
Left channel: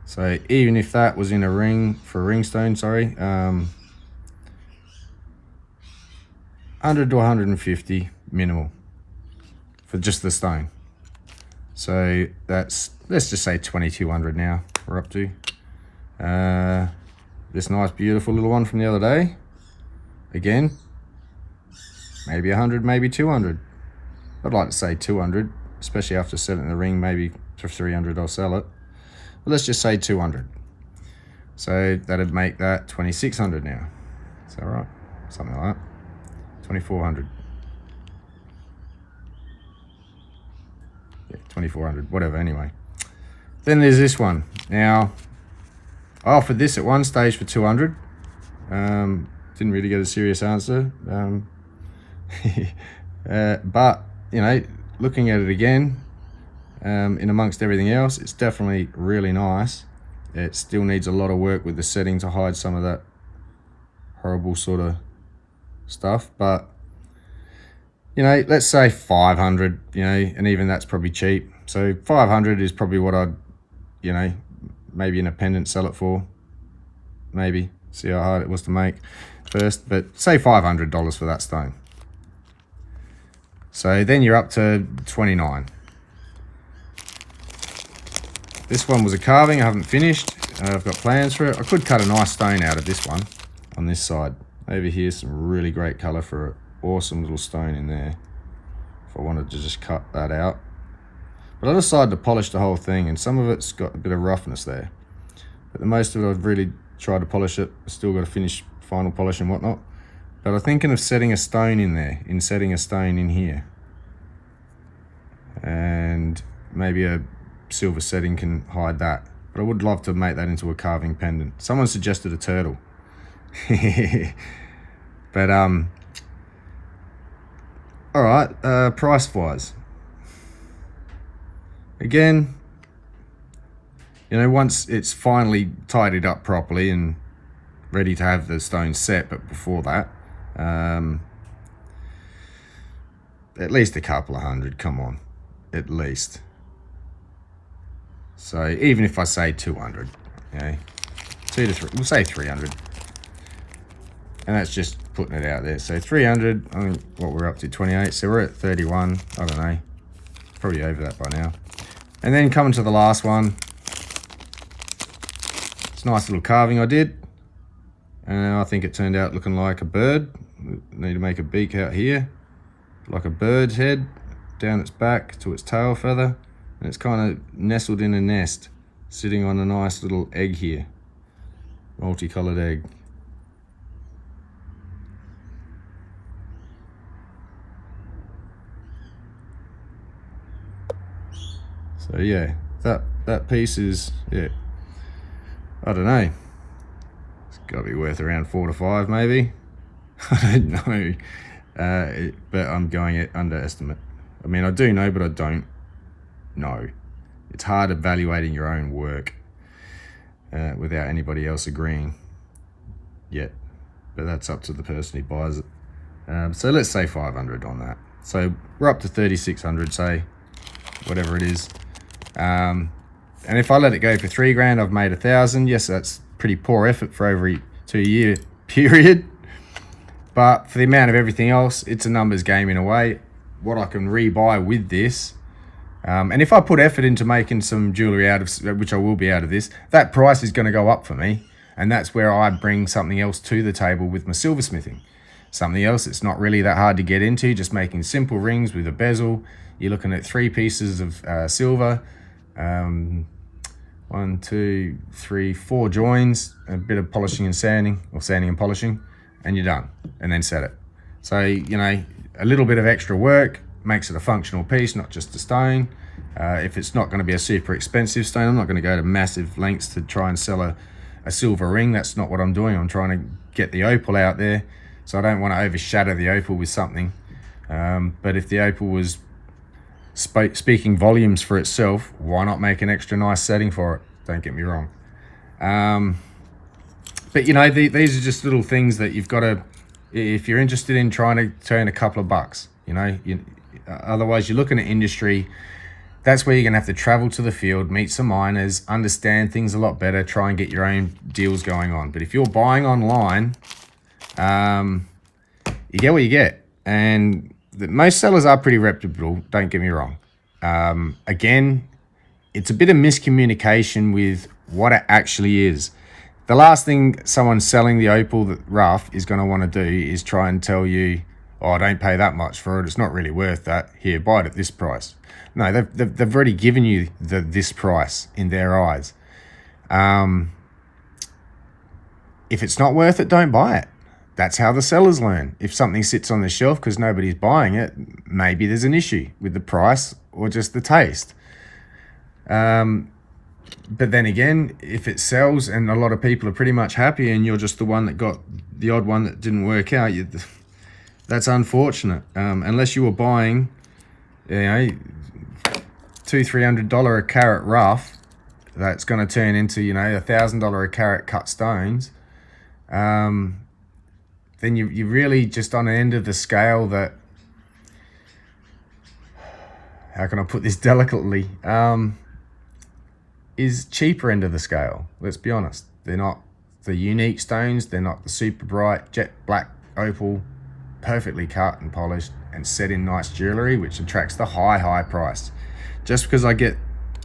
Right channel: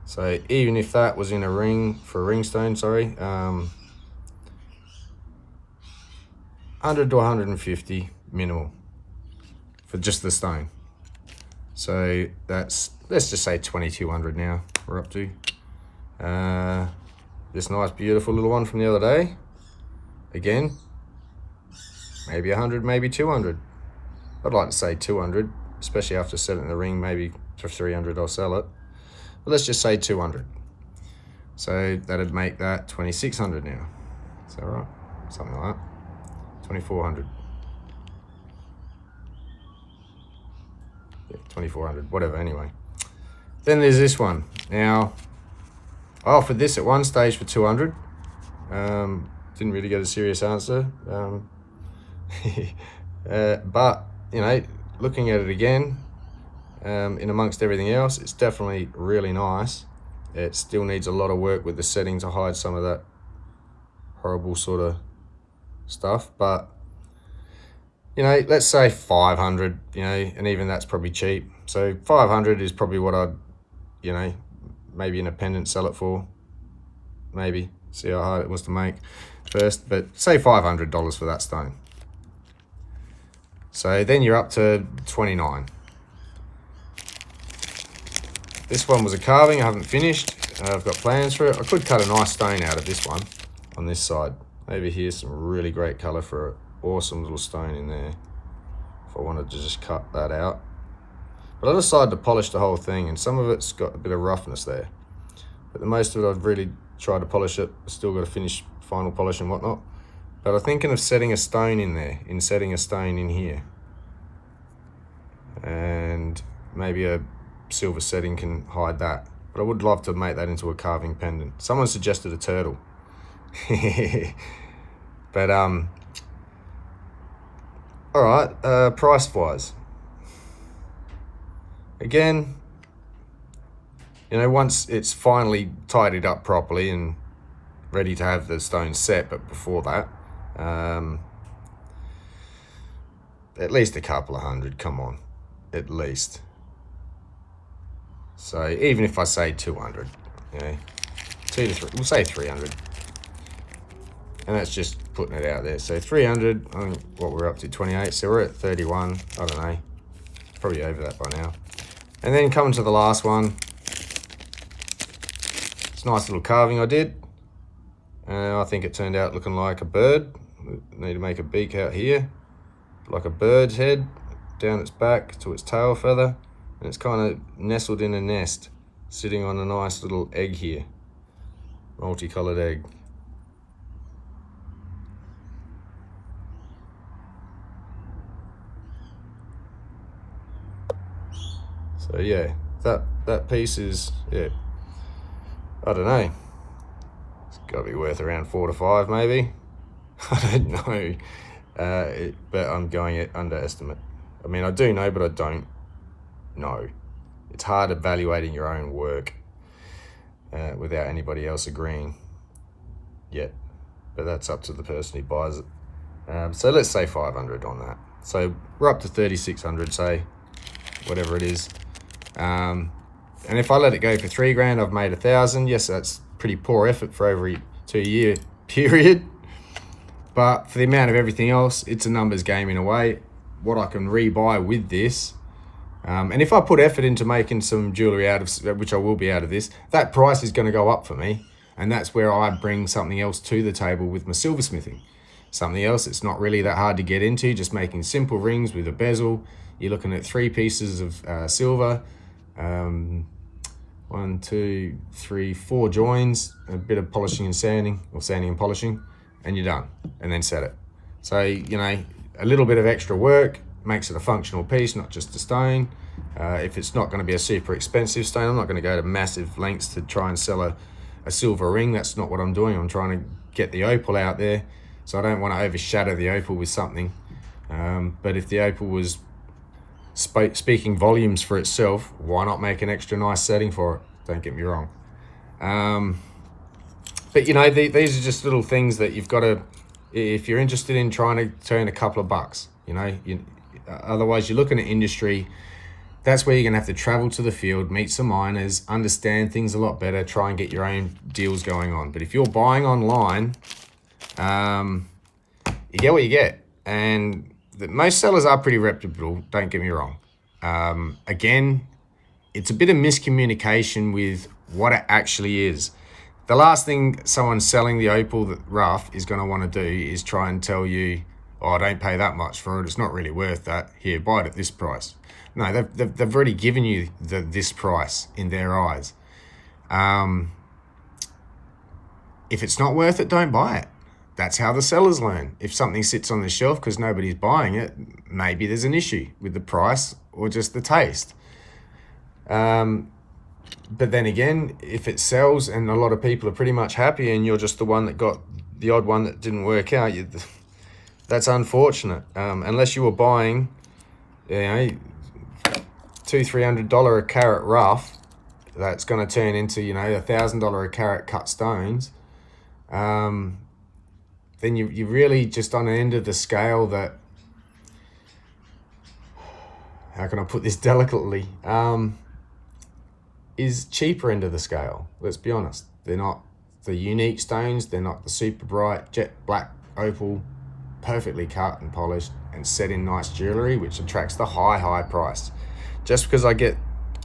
So even if that was in a ring, for a ring stone, sorry, 100 to 150 minimal for just the stone. So that's, let's just say 2200 now we're up to. This nice beautiful little one from the other day, again, maybe 100, maybe 200. I'd like to say 200, especially after setting the ring. Maybe for 300 I'll sell it, but let's just say 200. So that'd make that 2600 now. Is that right? Something like that. 2400. Yeah, 2400, whatever, anyway. Then there's this one. Now, I offered this at one stage for 200. Didn't really get a serious answer. But, looking at it again, in amongst everything else, it's definitely really nice. It still needs a lot of work with the setting to hide some of that horrible sort of stuff, but let's say 500, and even that's probably cheap. So 500 is probably what I'd, maybe in a pendant sell it for. Maybe, see how hard it was to make first, but say $500 for that stone. So then you're up to 29. This one was a carving I haven't finished. I've got plans for it. I could cut a nice stone out of this one on this side. Over here, some really great colour for an awesome little stone in there, if I wanted to just cut that out. But I decided to polish the whole thing, and some of it's got a bit of roughness there. But the most of it, I've really tried to polish it. Still got to finish final polish and whatnot. But I'm thinking of setting a stone in there, setting a stone in here. And maybe a silver setting can hide that. But I would love to make that into a carving pendant. Someone suggested a turtle. But all right, price wise, again, once it's finally tidied up properly and ready to have the stone set, but before that, at least a couple of hundred, come on, at least. So even if I say 200, 2 to 3, we'll say 300. And that's just putting it out there. So 300, I think what we're up to, 28. So we're at 31, I don't know. Probably over that by now. And then coming to the last one. It's a nice little carving I did. and I think it turned out looking like a bird. Need to make a beak out here, like a bird's head, down its back to its tail feather, and it's kind of nestled in a nest, sitting on a nice little egg here, multicolored egg. So yeah, that piece is, yeah, I don't know, it's got to be worth around 4 to 5 maybe. I don't know, but I'm going at underestimate. I mean, I do know, but I don't know. It's hard evaluating your own work without anybody else agreeing yet, but that's up to the person who buys it. So let's say 500 on that. So we're up to 3,600, say, whatever it is. And if I let it go for 3 grand, I've made 1,000. Yes, that's pretty poor effort for over a 2-year period. But for the amount of everything else, it's a numbers game in a way. What I can rebuy with this, and if I put effort into making some jewellery out of, which I will be out of this, that price is going to go up for me. And that's where I bring something else to the table with my silversmithing. Something else that's not really that hard to get into, just making simple rings with a bezel. You're looking at 3 pieces of silver, 1, 2, 3, 4 joins, a bit of polishing and sanding, or sanding and polishing, and you're done, and then set it. So, you know, a little bit of extra work makes it a functional piece, not just a stone. If it's not going to be a super expensive stone, I'm not going to go to massive lengths to try and sell a silver ring. That's not what I'm doing. I'm trying to get the opal out there, so I don't want to overshadow the opal with something. But if the opal was speaking volumes for itself, why not make an extra nice setting for it? Don't get me wrong. But you know, these are just little things that you've got to, if you're interested in trying to turn a couple of bucks, you know, otherwise you're looking at industry. That's where you're gonna have to travel to the field, meet some miners, understand things a lot better, try and get your own deals going on. But if you're buying online, you get what you get. And most sellers are pretty reputable, don't get me wrong. Again, it's a bit of miscommunication with what it actually is. The last thing someone selling the opal rough is going to want to do is try and tell you, oh, don't pay that much for it, it's not really worth that, here, buy it at this price. No, they've already given you this price in their eyes. If it's not worth it, don't buy it. That's how the sellers learn. If something sits on the shelf because nobody's buying it, maybe there's an issue with the price or just the taste. But then again, if it sells and a lot of people are pretty much happy and you're just the one that got the odd one that didn't work out, that's unfortunate. Unless you were buying, you know, $200-300 a carat rough, that's going to turn into, you know, $1,000 a carat cut stones. Then you really just on an end of the scale that, how can I put this delicately, is cheaper end of the scale. Let's be honest. They're not the unique stones. They're not the super bright jet black opal, perfectly cut and polished and set in nice jewelry, which attracts the high price. Just because I get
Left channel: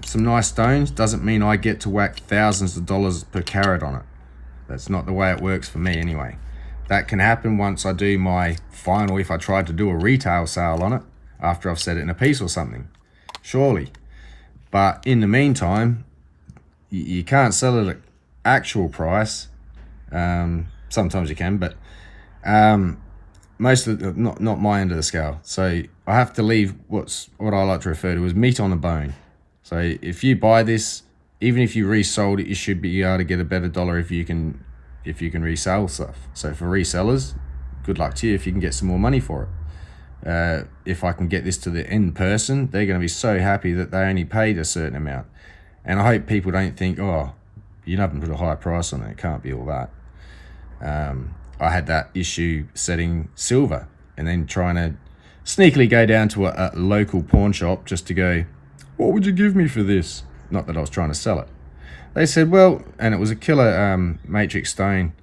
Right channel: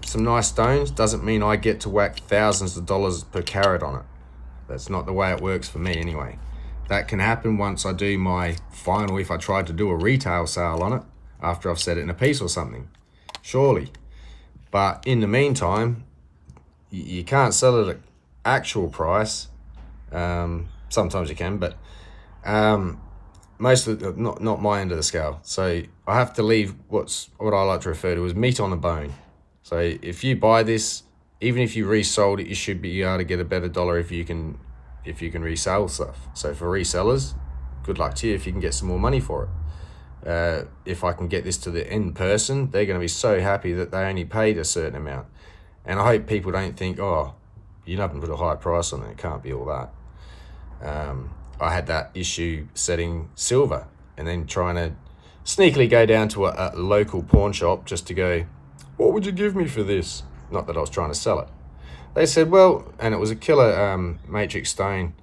some nice stones doesn't mean I get to whack thousands of dollars per carat on it. That's not the way it works for me anyway. That can happen once I do my final, if I tried to do a retail sale on it after I've set it in a piece or something, surely. But in the meantime, you can't sell it at actual price. Sometimes you can, but most of it, not my end of the scale. So I have to leave what I like to refer to as meat on the bone. So if you buy this, even if you resold it, you should be able to get a better dollar if you can resell stuff. So for resellers, good luck to you if you can get some more money for it. If I can get this to the end person, they're going to be so happy that they only paid a certain amount. And I hope people don't think, oh, you haven't put a high price on it, it can't be all that. I had that issue setting silver and then trying to sneakily go down to a local pawn shop just to go, what would you give me for this? Not that I was trying to sell it. They said, well, and it was a killer matrix stone.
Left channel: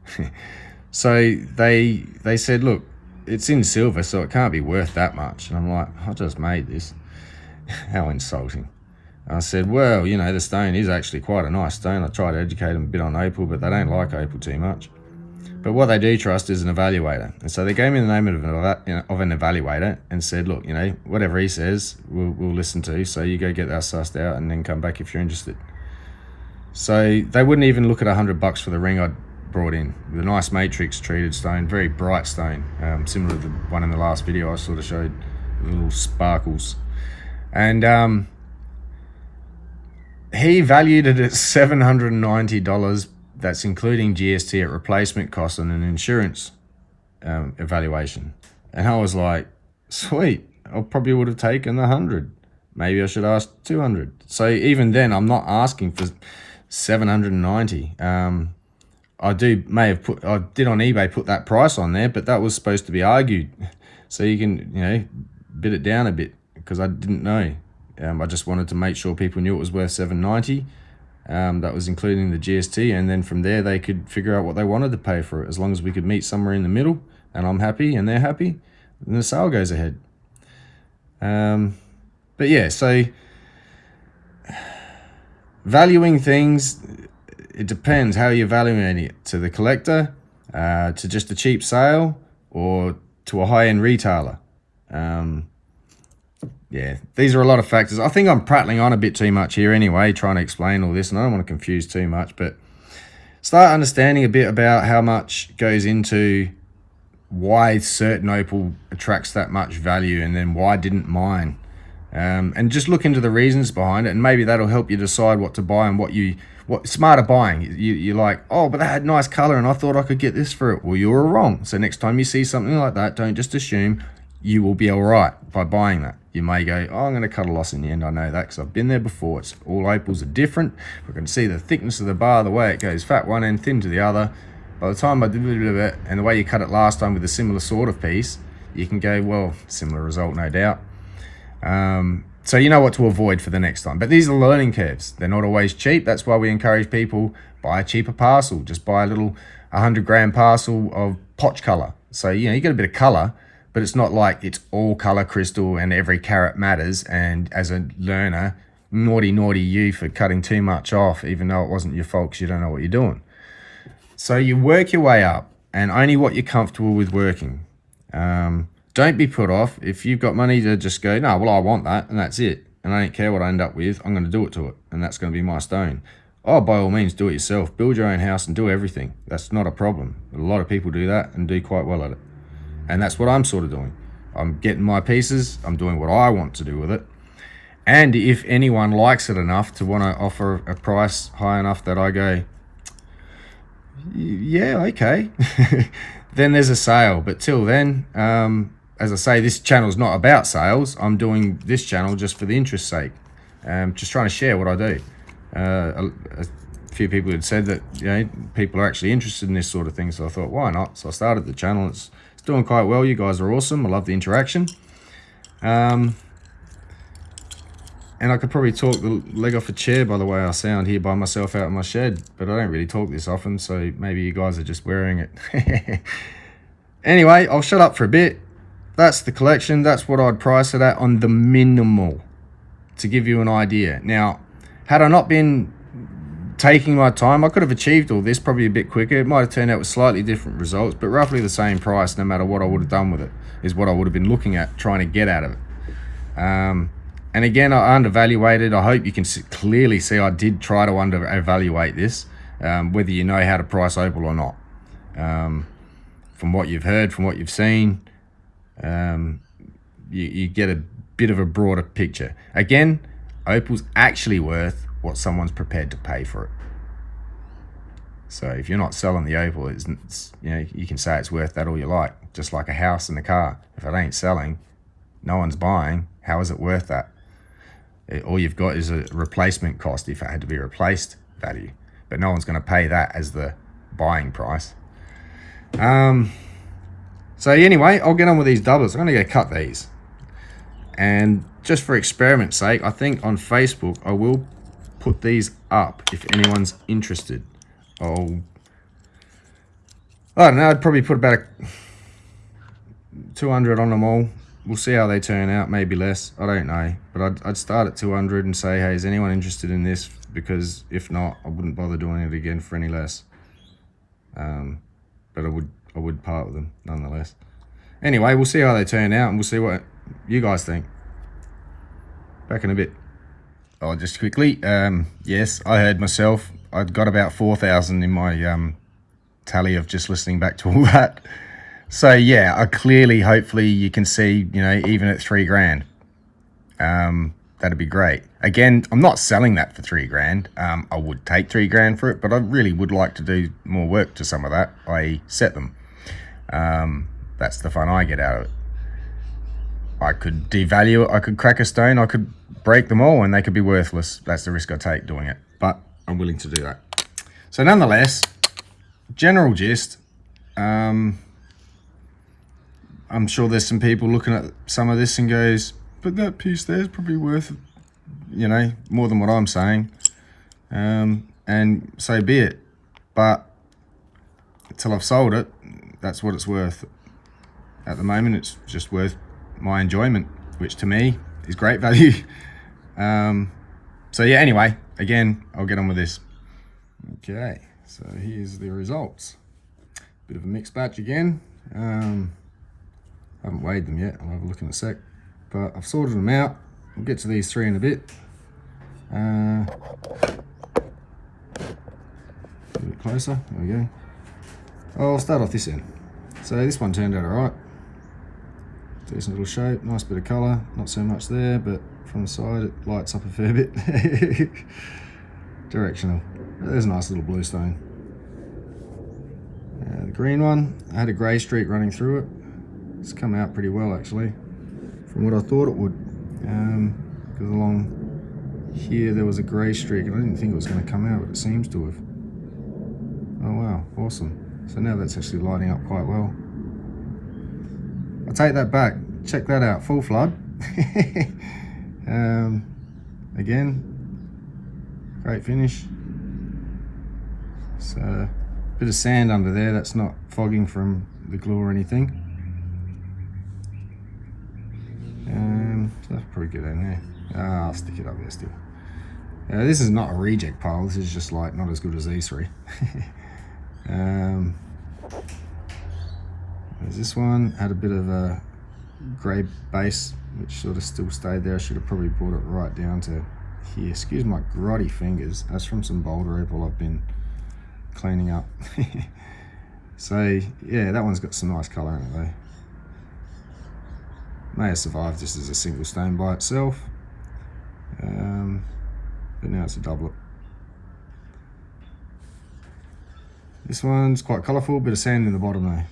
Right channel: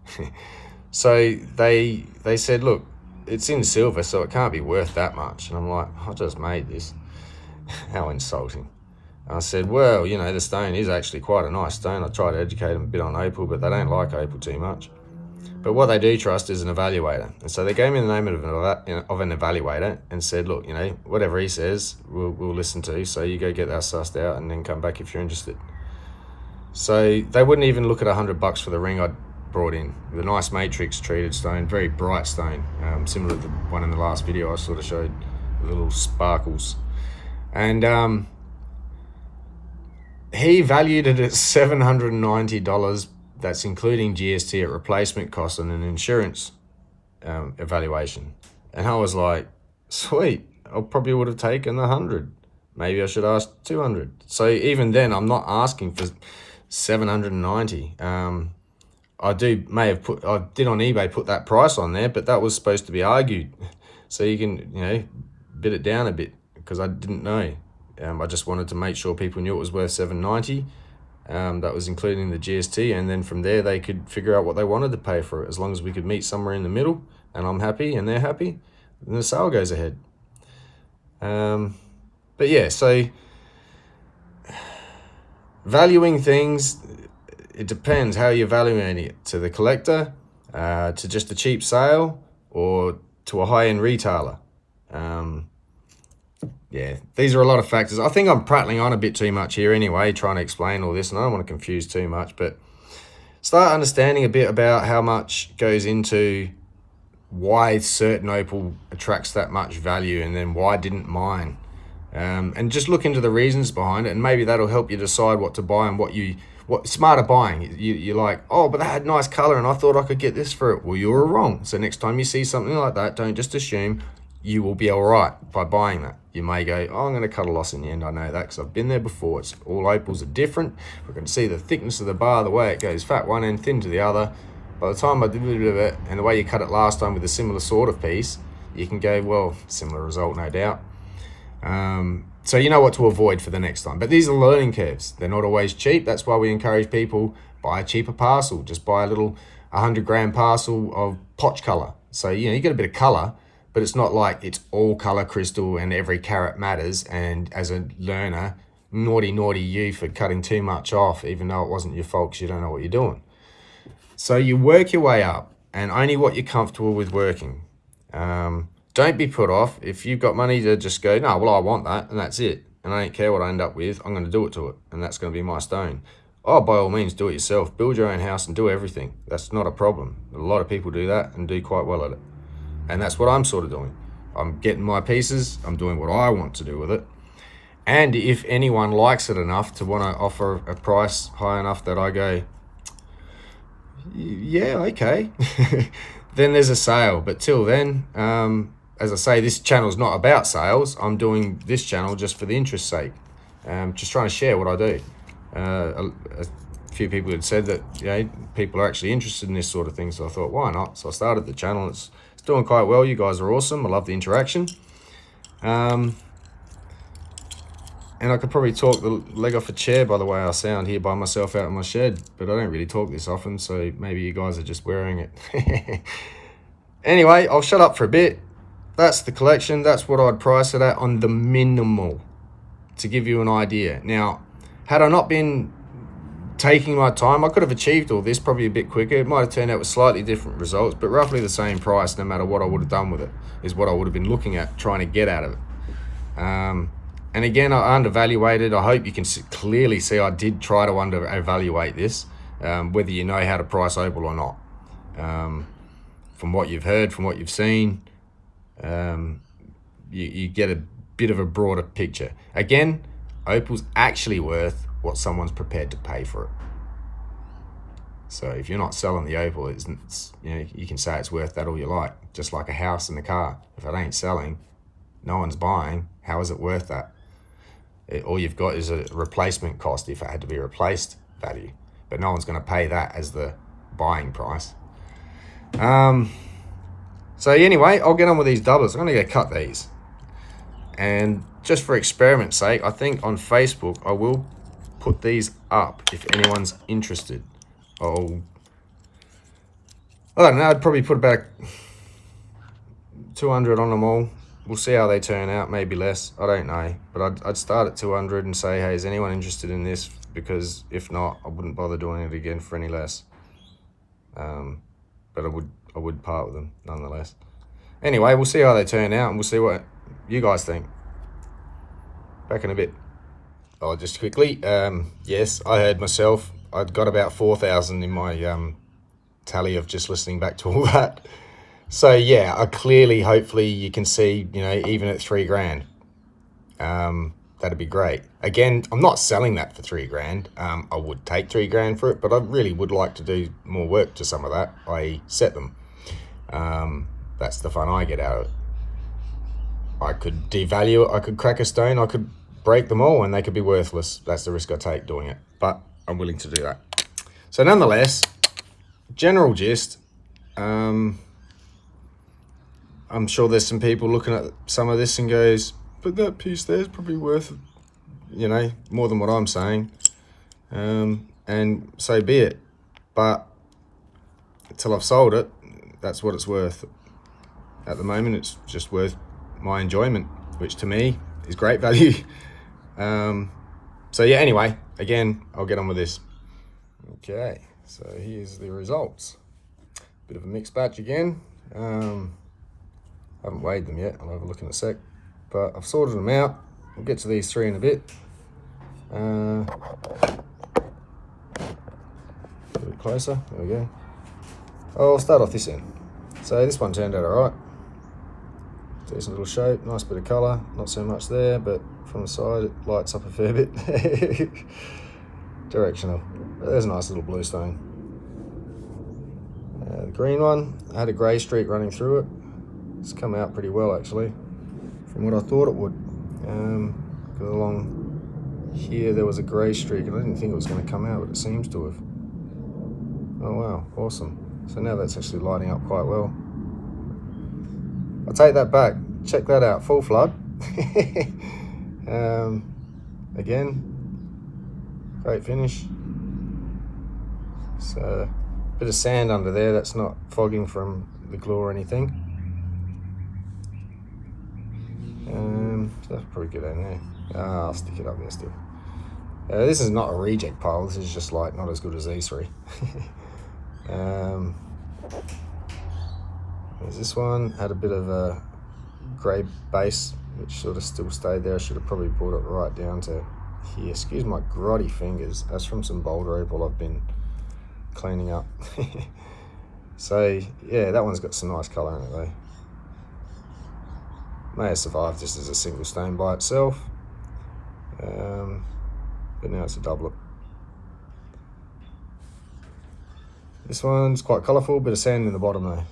So they said, look, it's in silver, so it can't be worth that much. And I'm like, I just made this. How insulting. I said, well, the stone is actually quite a nice stone. I tried to educate them a bit on opal, but they don't like opal too much. But what they do trust is an evaluator. And so they gave me the name of an evaluator and said, look, whatever he says, we'll listen to. So you go get that sussed out and then come back if you're interested. So they wouldn't even look at $100 for the ring I'd brought in. The nice matrix treated stone, very bright stone, similar to the one in the last video I sort of showed, the little sparkles. And he valued it at $790. That's including GST at replacement cost and an insurance evaluation. And I was like, sweet, I probably would have taken the 100. Maybe I should ask 200. So even then, I'm not asking for 790. I did on eBay put that price on there, but that was supposed to be argued. So you can, bid it down a bit, because I didn't know. I just wanted to make sure people knew it was worth 790. That was including the GST, and then from there they could figure out what they wanted to pay for it. As long as we could meet somewhere in the middle and I'm happy and they're happy, then the sale goes ahead. But yeah, so valuing things, it depends how you're valuing it. To the collector, to just a cheap sale, or to a high-end retailer. Yeah, these are a lot of factors. I think I'm prattling on a bit too much here anyway, trying to explain all this, and I don't want to confuse too much, but start understanding a bit about how much goes into why certain opal attracts that much value, and then why didn't mine. And just look into the reasons behind it, and maybe that'll help you decide what to buy and what smarter buying. You're like, oh, but that had nice color and I thought I could get this for it. Well, you were wrong. So next time you see something like that, don't just assume you will be all right by buying that. You may go, oh, I'm going to cut a loss in the end. I know that because I've been there before. It's all opals are different. We can see the thickness of the bar, the way it goes fat one end, thin to the other. By the time I did a bit of it, and the way you cut it last time with a similar sort of piece, you can go, well, similar result, no doubt. So you know what to avoid for the next time. But these are learning curves. They're not always cheap. That's why we encourage people, buy a cheaper parcel. Just buy a little 100-gram parcel of potch color. So, you get a bit of color, but it's not like it's all color crystal and every carat matters. And as a learner, naughty you for cutting too much off, even though it wasn't your fault because you don't know what you're doing. So you work your way up, and only what you're comfortable with working. Don't be put off. If you've got money to just go, no, well, I want that, and that's it. And I don't care what I end up with. I'm going to do it to it, and that's going to be my stone. Oh, by all means, do it yourself. Build your own house and do everything. That's not a problem. A lot of people do that and do quite well at it. And that's what I'm sort of doing. I'm getting my pieces. I'm doing what I want to do with it. And if anyone likes it enough to want to offer a price high enough that I go, yeah, okay, then there's a sale. But till then, as I say, this channel's not about sales. I'm doing this channel just for the interest's sake. Just trying to share what I do. A few people had said that people are actually interested in this sort of thing, so I thought, why not? So I started the channel. It's doing quite well. You guys are awesome. I love the interaction. And I could probably talk the leg off a chair by the way I sound here by myself out in my shed, but I don't really talk this often, so maybe you guys are just wearing it. Anyway, I'll shut up for a bit. That's the collection. That's what I'd price it at on the minimal, to give you an idea. Now, had I not been taking my time, I could have achieved all this probably a bit quicker. It might have turned out with slightly different results, but roughly the same price no matter what I would have done with it, is what I would have been looking at, trying to get out of it. And again, I undervaluated. I hope you can clearly see I did try to under-evaluate this, whether you know how to price opal or not. From what you've heard, from what you've seen, you get a bit of a broader picture. Again, opal's actually worth what someone's prepared to pay for it. So if you're not selling the opal, you can say it's worth that all you like, just like a house and a car. If it ain't selling, no one's buying, how is it worth that? All you've got is a replacement cost if it had to be replaced value, but no one's going to pay that as the buying price. So anyway, I'll get on with these doublets. I'm going to go cut these, and just for experiment's sake, I think on Facebook I will put these up if anyone's interested. I don't know, I'd probably put about 200 on them all. We'll see how they turn out, maybe less, I don't know. But I'd start at 200 and say, hey, is anyone interested in this? Because if not, I wouldn't bother doing it again for any less. But good part with them, nonetheless. Anyway, we'll see how they turn out, and we'll see what you guys think. Back in a bit. Oh, just quickly, yes, I heard myself. I'd got about 4,000 in my tally of just listening back to all that. So yeah, hopefully you can see, you know, even at 3 grand, that'd be great. Again, I'm not selling that for 3 grand. I would take 3 grand for it, but I really would like to do more work to some of that, i.e. set them. That's the fun I get out of it. I could devalue it, I could crack a stone, I could break them all and they could be worthless. That's the risk I take doing it, but I'm willing to do that. So nonetheless, general gist, I'm sure there's some people looking at some of this and goes, but that piece there is probably worth, you know, more than what I'm saying. And so be it. But until I've sold it, that's what it's worth. At the moment, it's just worth my enjoyment, which to me is great value. So yeah, anyway, again, I'll get on with this. Okay, so here's the results. Bit of a mixed batch again. Haven't weighed them yet, I'll have a look in a sec. But I've sorted them out. We'll get to these 3 in a bit. A bit closer, there we go. I'll start off this end. So this one turned out alright. Decent little shape, nice bit of colour, not so much there, but from the side it lights up a fair bit. Directional. But there's a nice little blue stone. The green one, I had a grey streak running through it. It's come out pretty well actually, from what I thought it would. Because along here there was a grey streak and I didn't think it was going to come out, but it seems to have. Oh wow, awesome. So now that's actually lighting up quite well. I'll take that back. Check that out, full flood. Again, great finish. So, a bit of sand under there, that's not fogging from the glue or anything. So that's pretty good in there. I'll stick it up there still. This is not a reject pile, this is just like not as good as these 3. There's this one, had a bit of a grey base, which sort of still stayed there. I should have probably brought it right down to here. Excuse my grotty fingers, that's from some boulder opal I've been cleaning up. So yeah, that one's got some nice colour in it though. May have survived just as a single stone by itself, but now it's a doublet. This one's quite colourful, bit of sand in the bottom though.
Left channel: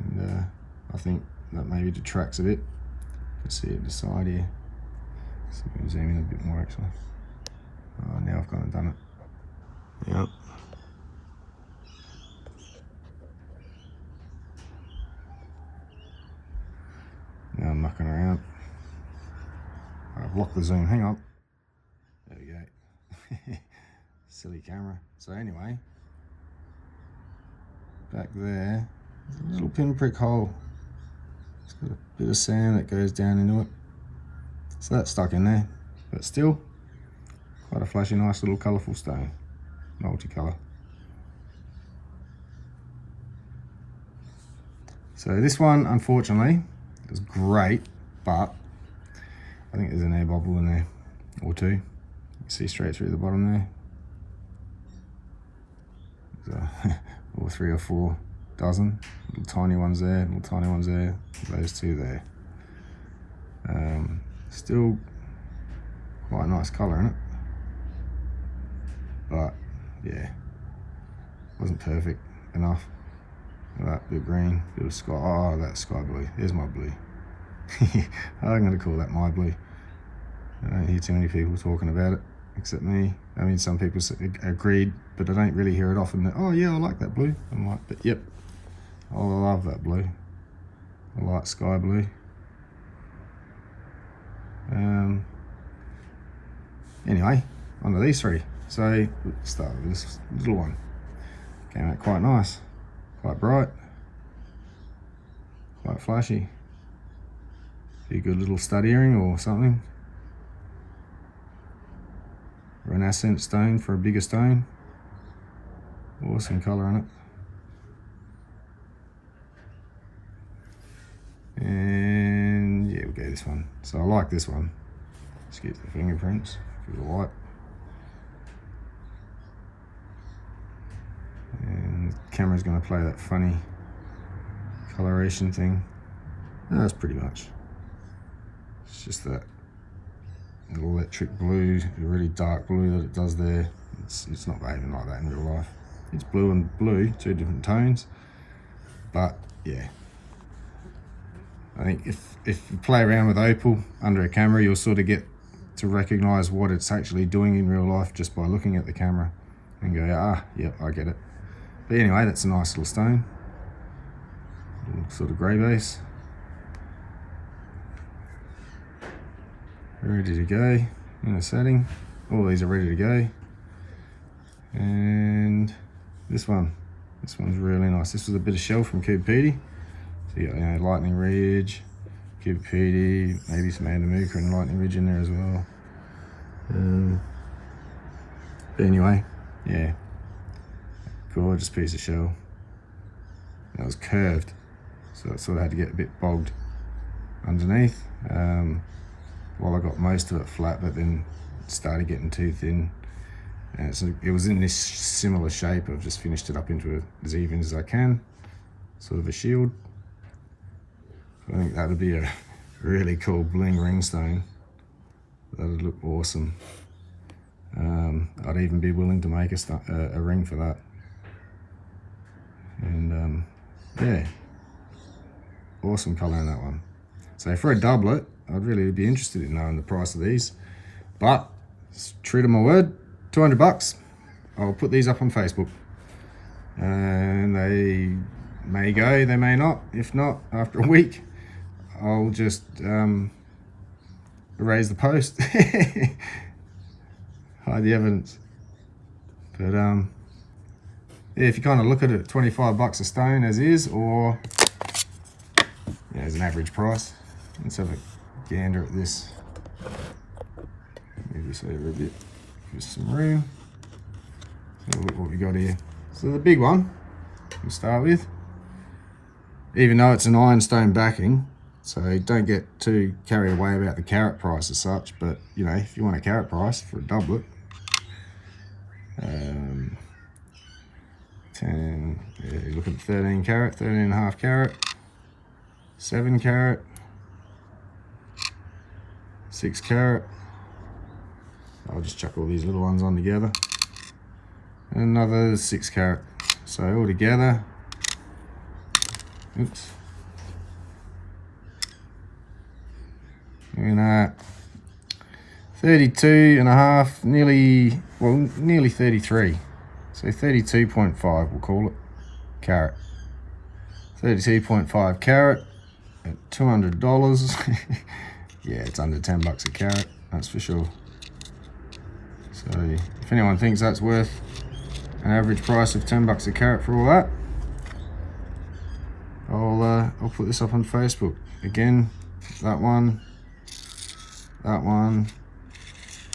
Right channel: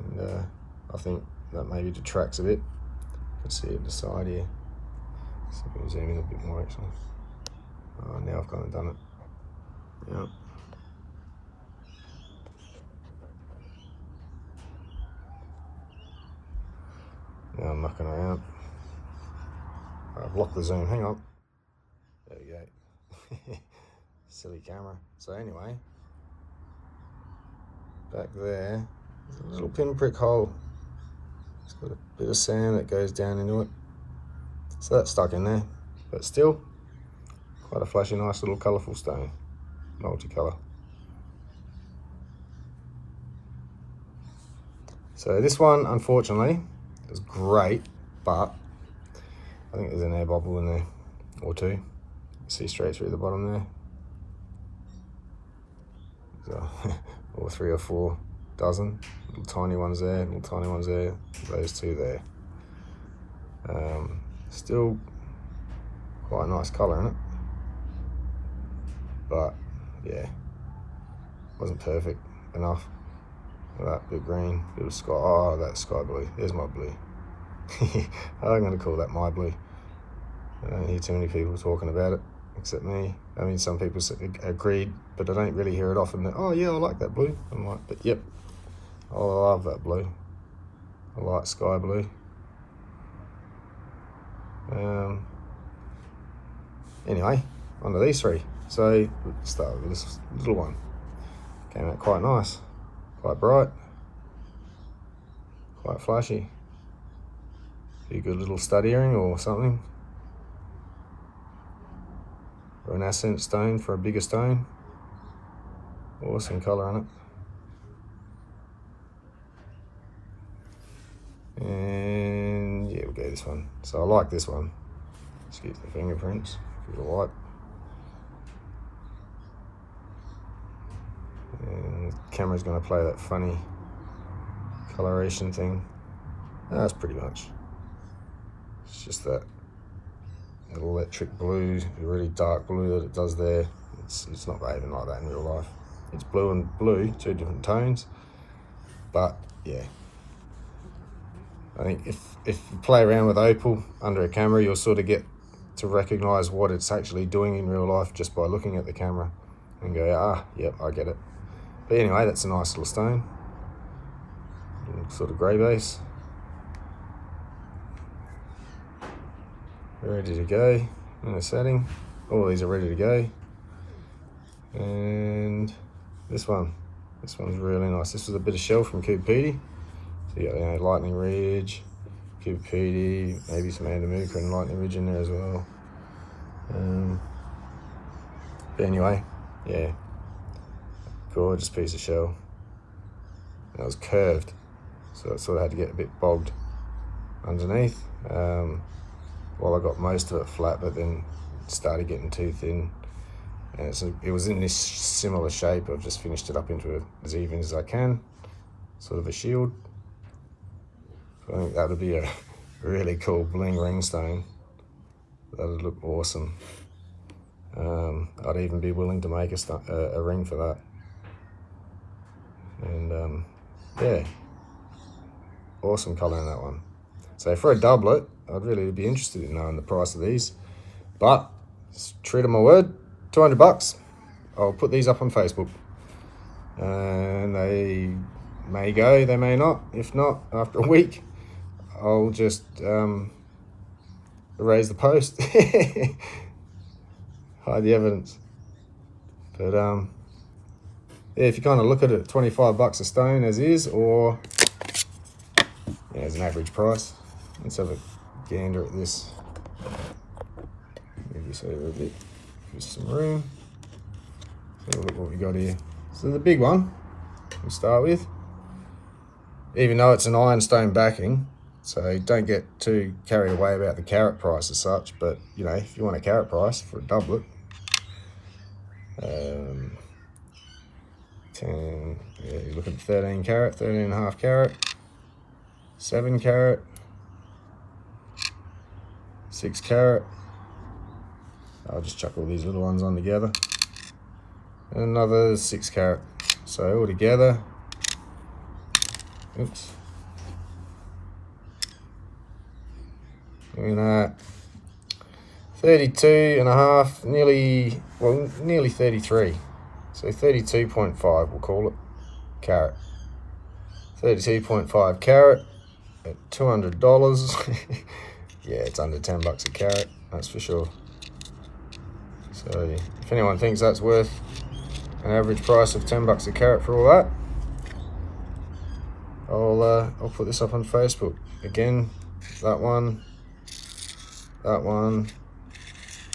And I think that maybe detracts a bit. You can see it the side here. So we can zoom in a bit more actually. Oh, now I've kind of done it. Yeah. Now I'm mucking around. I've locked the zoom, hang on. There we go. Silly camera. So anyway, back there, there's a little pinprick hole. It's got a bit of sand that goes down into it. So that's stuck in there, but still quite a flashy, nice little colourful stone, multicolour. So this one, unfortunately, is great, but I think there's an air bubble in there, or 2. You can see straight through the bottom there. Or 3 or 4 dozen. Little tiny ones there, little tiny ones there, those 2 there. Still quite a nice colour in it. But yeah, wasn't perfect enough. That blue green, bit of sky, oh that's sky blue, there's my blue. I'm going to call that my blue. I don't hear too many people talking about it, except me. I mean, some people agreed, but I don't really hear it often. Oh yeah, I like that blue. I'm like, but yep, I love that blue. I like sky blue. Anyway, on to these 3. So, let's start with this little one. Came out quite nice, quite bright, quite flashy. Be a good little stud earring or something. Or an accent stone for a bigger stone. Awesome colour in it. And yeah, we'll go this one. So I like this one. Just get the fingerprints, give it a light. And the camera's going to play that funny coloration thing. That's pretty much. It's just that little electric blue, really dark blue that it does there. It's not behaving like that in real life. It's blue and blue, two different tones. But yeah, I think if you play around with Opal under a camera, you'll sort of get to recognize what it's actually doing in real life just by looking at the camera and go, ah, yep, I get it. But anyway, that's a nice little stone, sort of grey base. Ready to go in a setting. All these are ready to go. And this one's really nice. This was a bit of shell from Cuba Pedy. So you got Lightning Ridge, Cuba Pedy, maybe some Andamuka and Lightning Ridge in there as well. But anyway, yeah, gorgeous piece of shell. That was curved, so it sort of had to get a bit bogged underneath. Well, I got most of it flat, but then it started getting too thin. And it was in this similar shape. I've just finished it up into it as even as I can, sort of a shield. I think that would be a really cool bling ring stone. That would look awesome. I'd even be willing to make a ring for that. And yeah, awesome colour in that one. So for a doublet, I'd really be interested in knowing the price of these. But true to my word, 200 bucks. I'll put these up on Facebook. And they may go, they may not. If not, after a week, I'll just erase the post. Hide the evidence. But yeah, if you kind of look at it, 25 bucks a stone as is, or yeah, as an average price. Let's have a gander at this. Move this over a bit, give us some room. So look what we got here. So the big one we'll start with, even though it's an ironstone backing, so don't get too carried away about the carat price as such, but you know, if you want a carat price for a doublet, 10, yeah, you're looking at 13 carat, 13.5 carat, 7 carat, 6 carat. I'll just chuck all these little ones on together. And another 6 carat. So all together, oops. Looking at 32.5, nearly 33. So 32.5 we'll call it, carat. 32.5 carat at $200. Yeah, it's under 10 bucks a carat, that's for sure. So if anyone thinks that's worth an average price of 10 bucks a carat for all that, I'll put this up on Facebook. Again, that one, that one,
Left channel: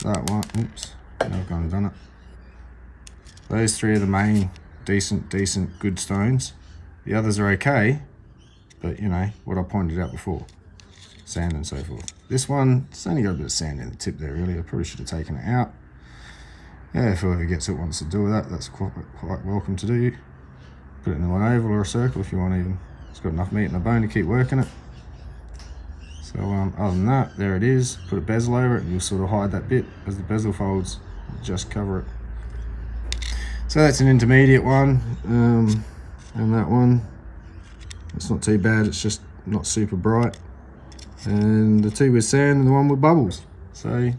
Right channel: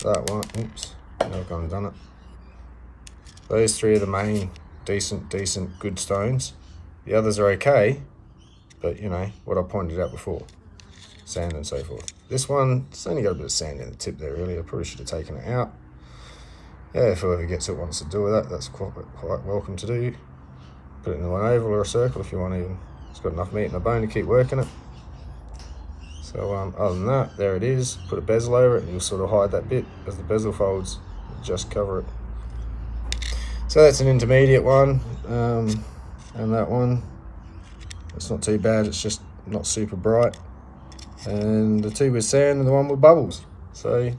that one. Oops, I've gone and done it. Those three are the main decent, good stones. The others are okay, but you know what I pointed out before, sand and so forth. This one, it's only got a bit of sand in the tip there really. I probably should have taken it out. Yeah, if whoever gets it wants to do with that, that's quite welcome to do. Put it in one oval or a circle if you want to. It's got enough meat in the bone to keep working it. So other than that, there it is. Put a bezel over it and you'll sort of hide that bit as the bezel folds. Just cover it. So that's an intermediate one. And that one, it's not too bad, it's just not super bright. And the two with sand and the one with bubbles. So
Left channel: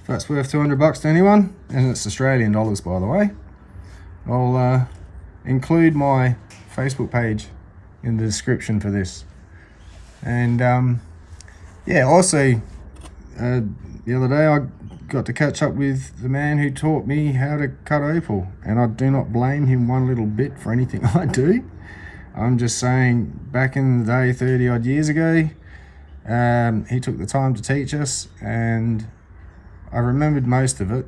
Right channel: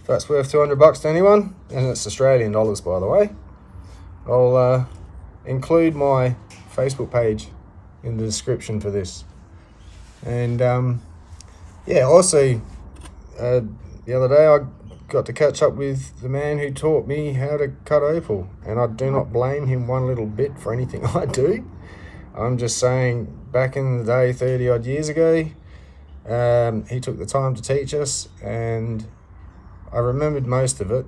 if that's worth 200 bucks to anyone, and it's Australian dollars by the way, I'll include my Facebook page in the description for this. And yeah, also the other day I got to catch up with the man who taught me how to cut opal, and I do not blame him one little bit for anything I do. I'm just saying, back in the day, 30 odd years ago, he took the time to teach us, and I remembered most of it.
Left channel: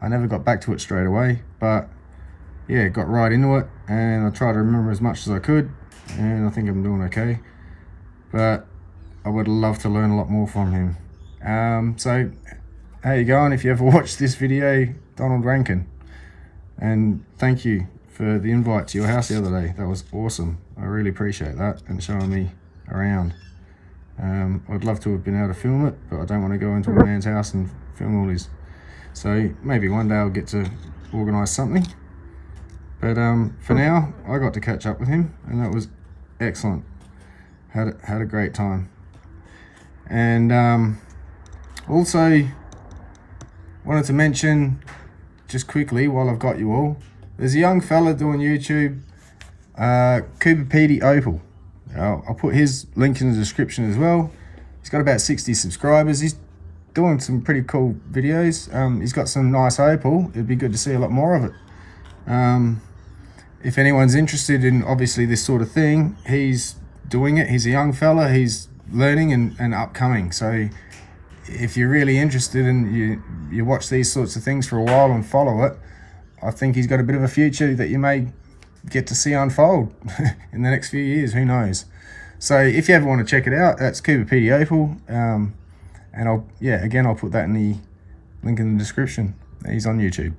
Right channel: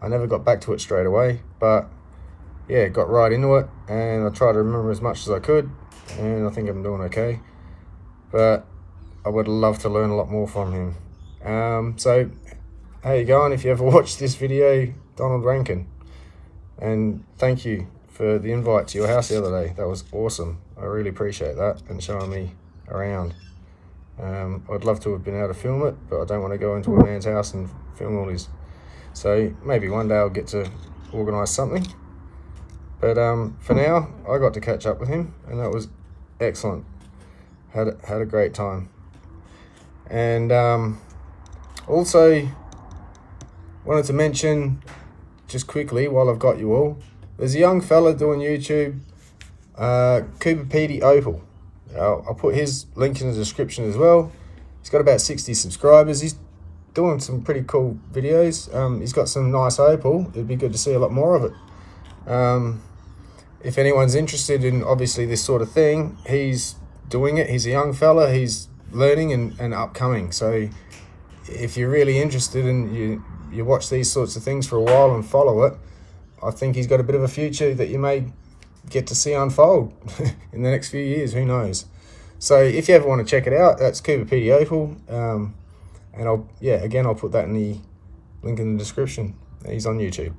I never got back to it straight away, but yeah, got right into it, and I tried to remember as much as I could, and I think I'm doing okay. but I would love to learn a lot more from him. So how you going? If you ever watched this video, Donald Rankin, and thank you for the invite to your house the other day. That was awesome. I really appreciate that, and showing me around. I'd love to have been able to film it, but I don't want to go into a man's house and film all his. So maybe one day I'll get to organise something. But for now, I got to catch up with him, and that was excellent. Had a great time. And also wanted to mention just quickly while I've got you all, there's a young fella doing YouTube, Cooper Petey Opal. I'll put his link in the description as well. He's got about 60 subscribers. He's doing some pretty cool videos. He's got some nice opal. It'd be good to see a lot more of it. If anyone's interested in obviously this sort of thing, he's doing it. He's a young fella. He's learning and upcoming. So if you're really interested and you watch these sorts of things for a while and follow it, I think he's got a bit of a future that you may get to see unfold in the next few years. Who knows? So if you ever want to check it out, that's Cooper Petey Opal. And I'll put that in the link in the description. He's on YouTube.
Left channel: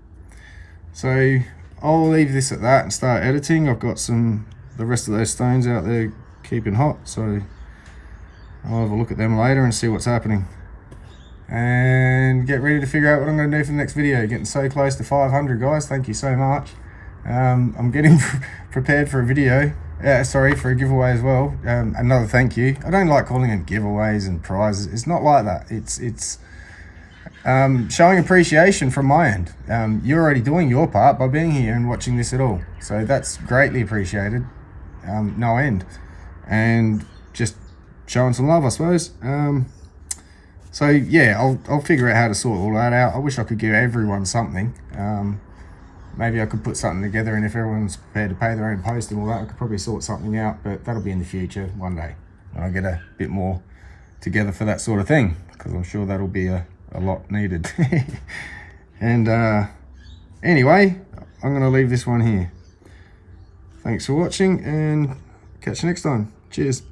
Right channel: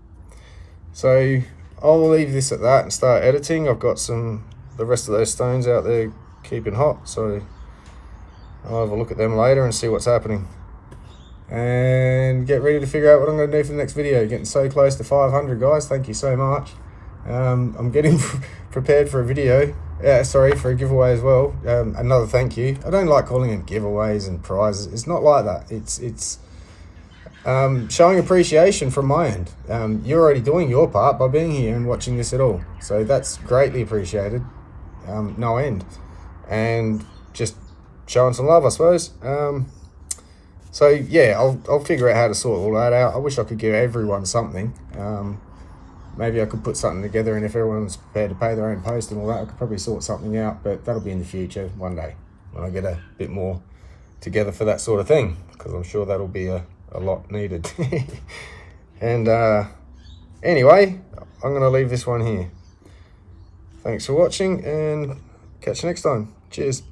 So I'll leave this at that and start editing. I've got the rest of those stones out there keeping hot, so I'll have a look at them later and see what's happening. And get ready to figure out what I'm going to do for the next video. Getting so close to 500, guys. Thank you so much. I'm getting prepared for a video. For a giveaway as well. Another thank you. I don't like calling them giveaways and prizes. It's not like that. It's showing appreciation from my end. You're already doing your part by being here and watching this at all. So that's greatly appreciated. No end. And just showing some love, I suppose. So yeah, I'll figure out how to sort all that out. I wish I could give everyone something. Maybe I could put something together, and if everyone's prepared to pay their own post and all that, I could probably sort something out, but that'll be in the future one day when I get a bit more together for that sort of thing, because I'm sure that'll be a lot needed. And anyway, I'm going to leave this one here. Thanks for watching, and catch you next time. Cheers.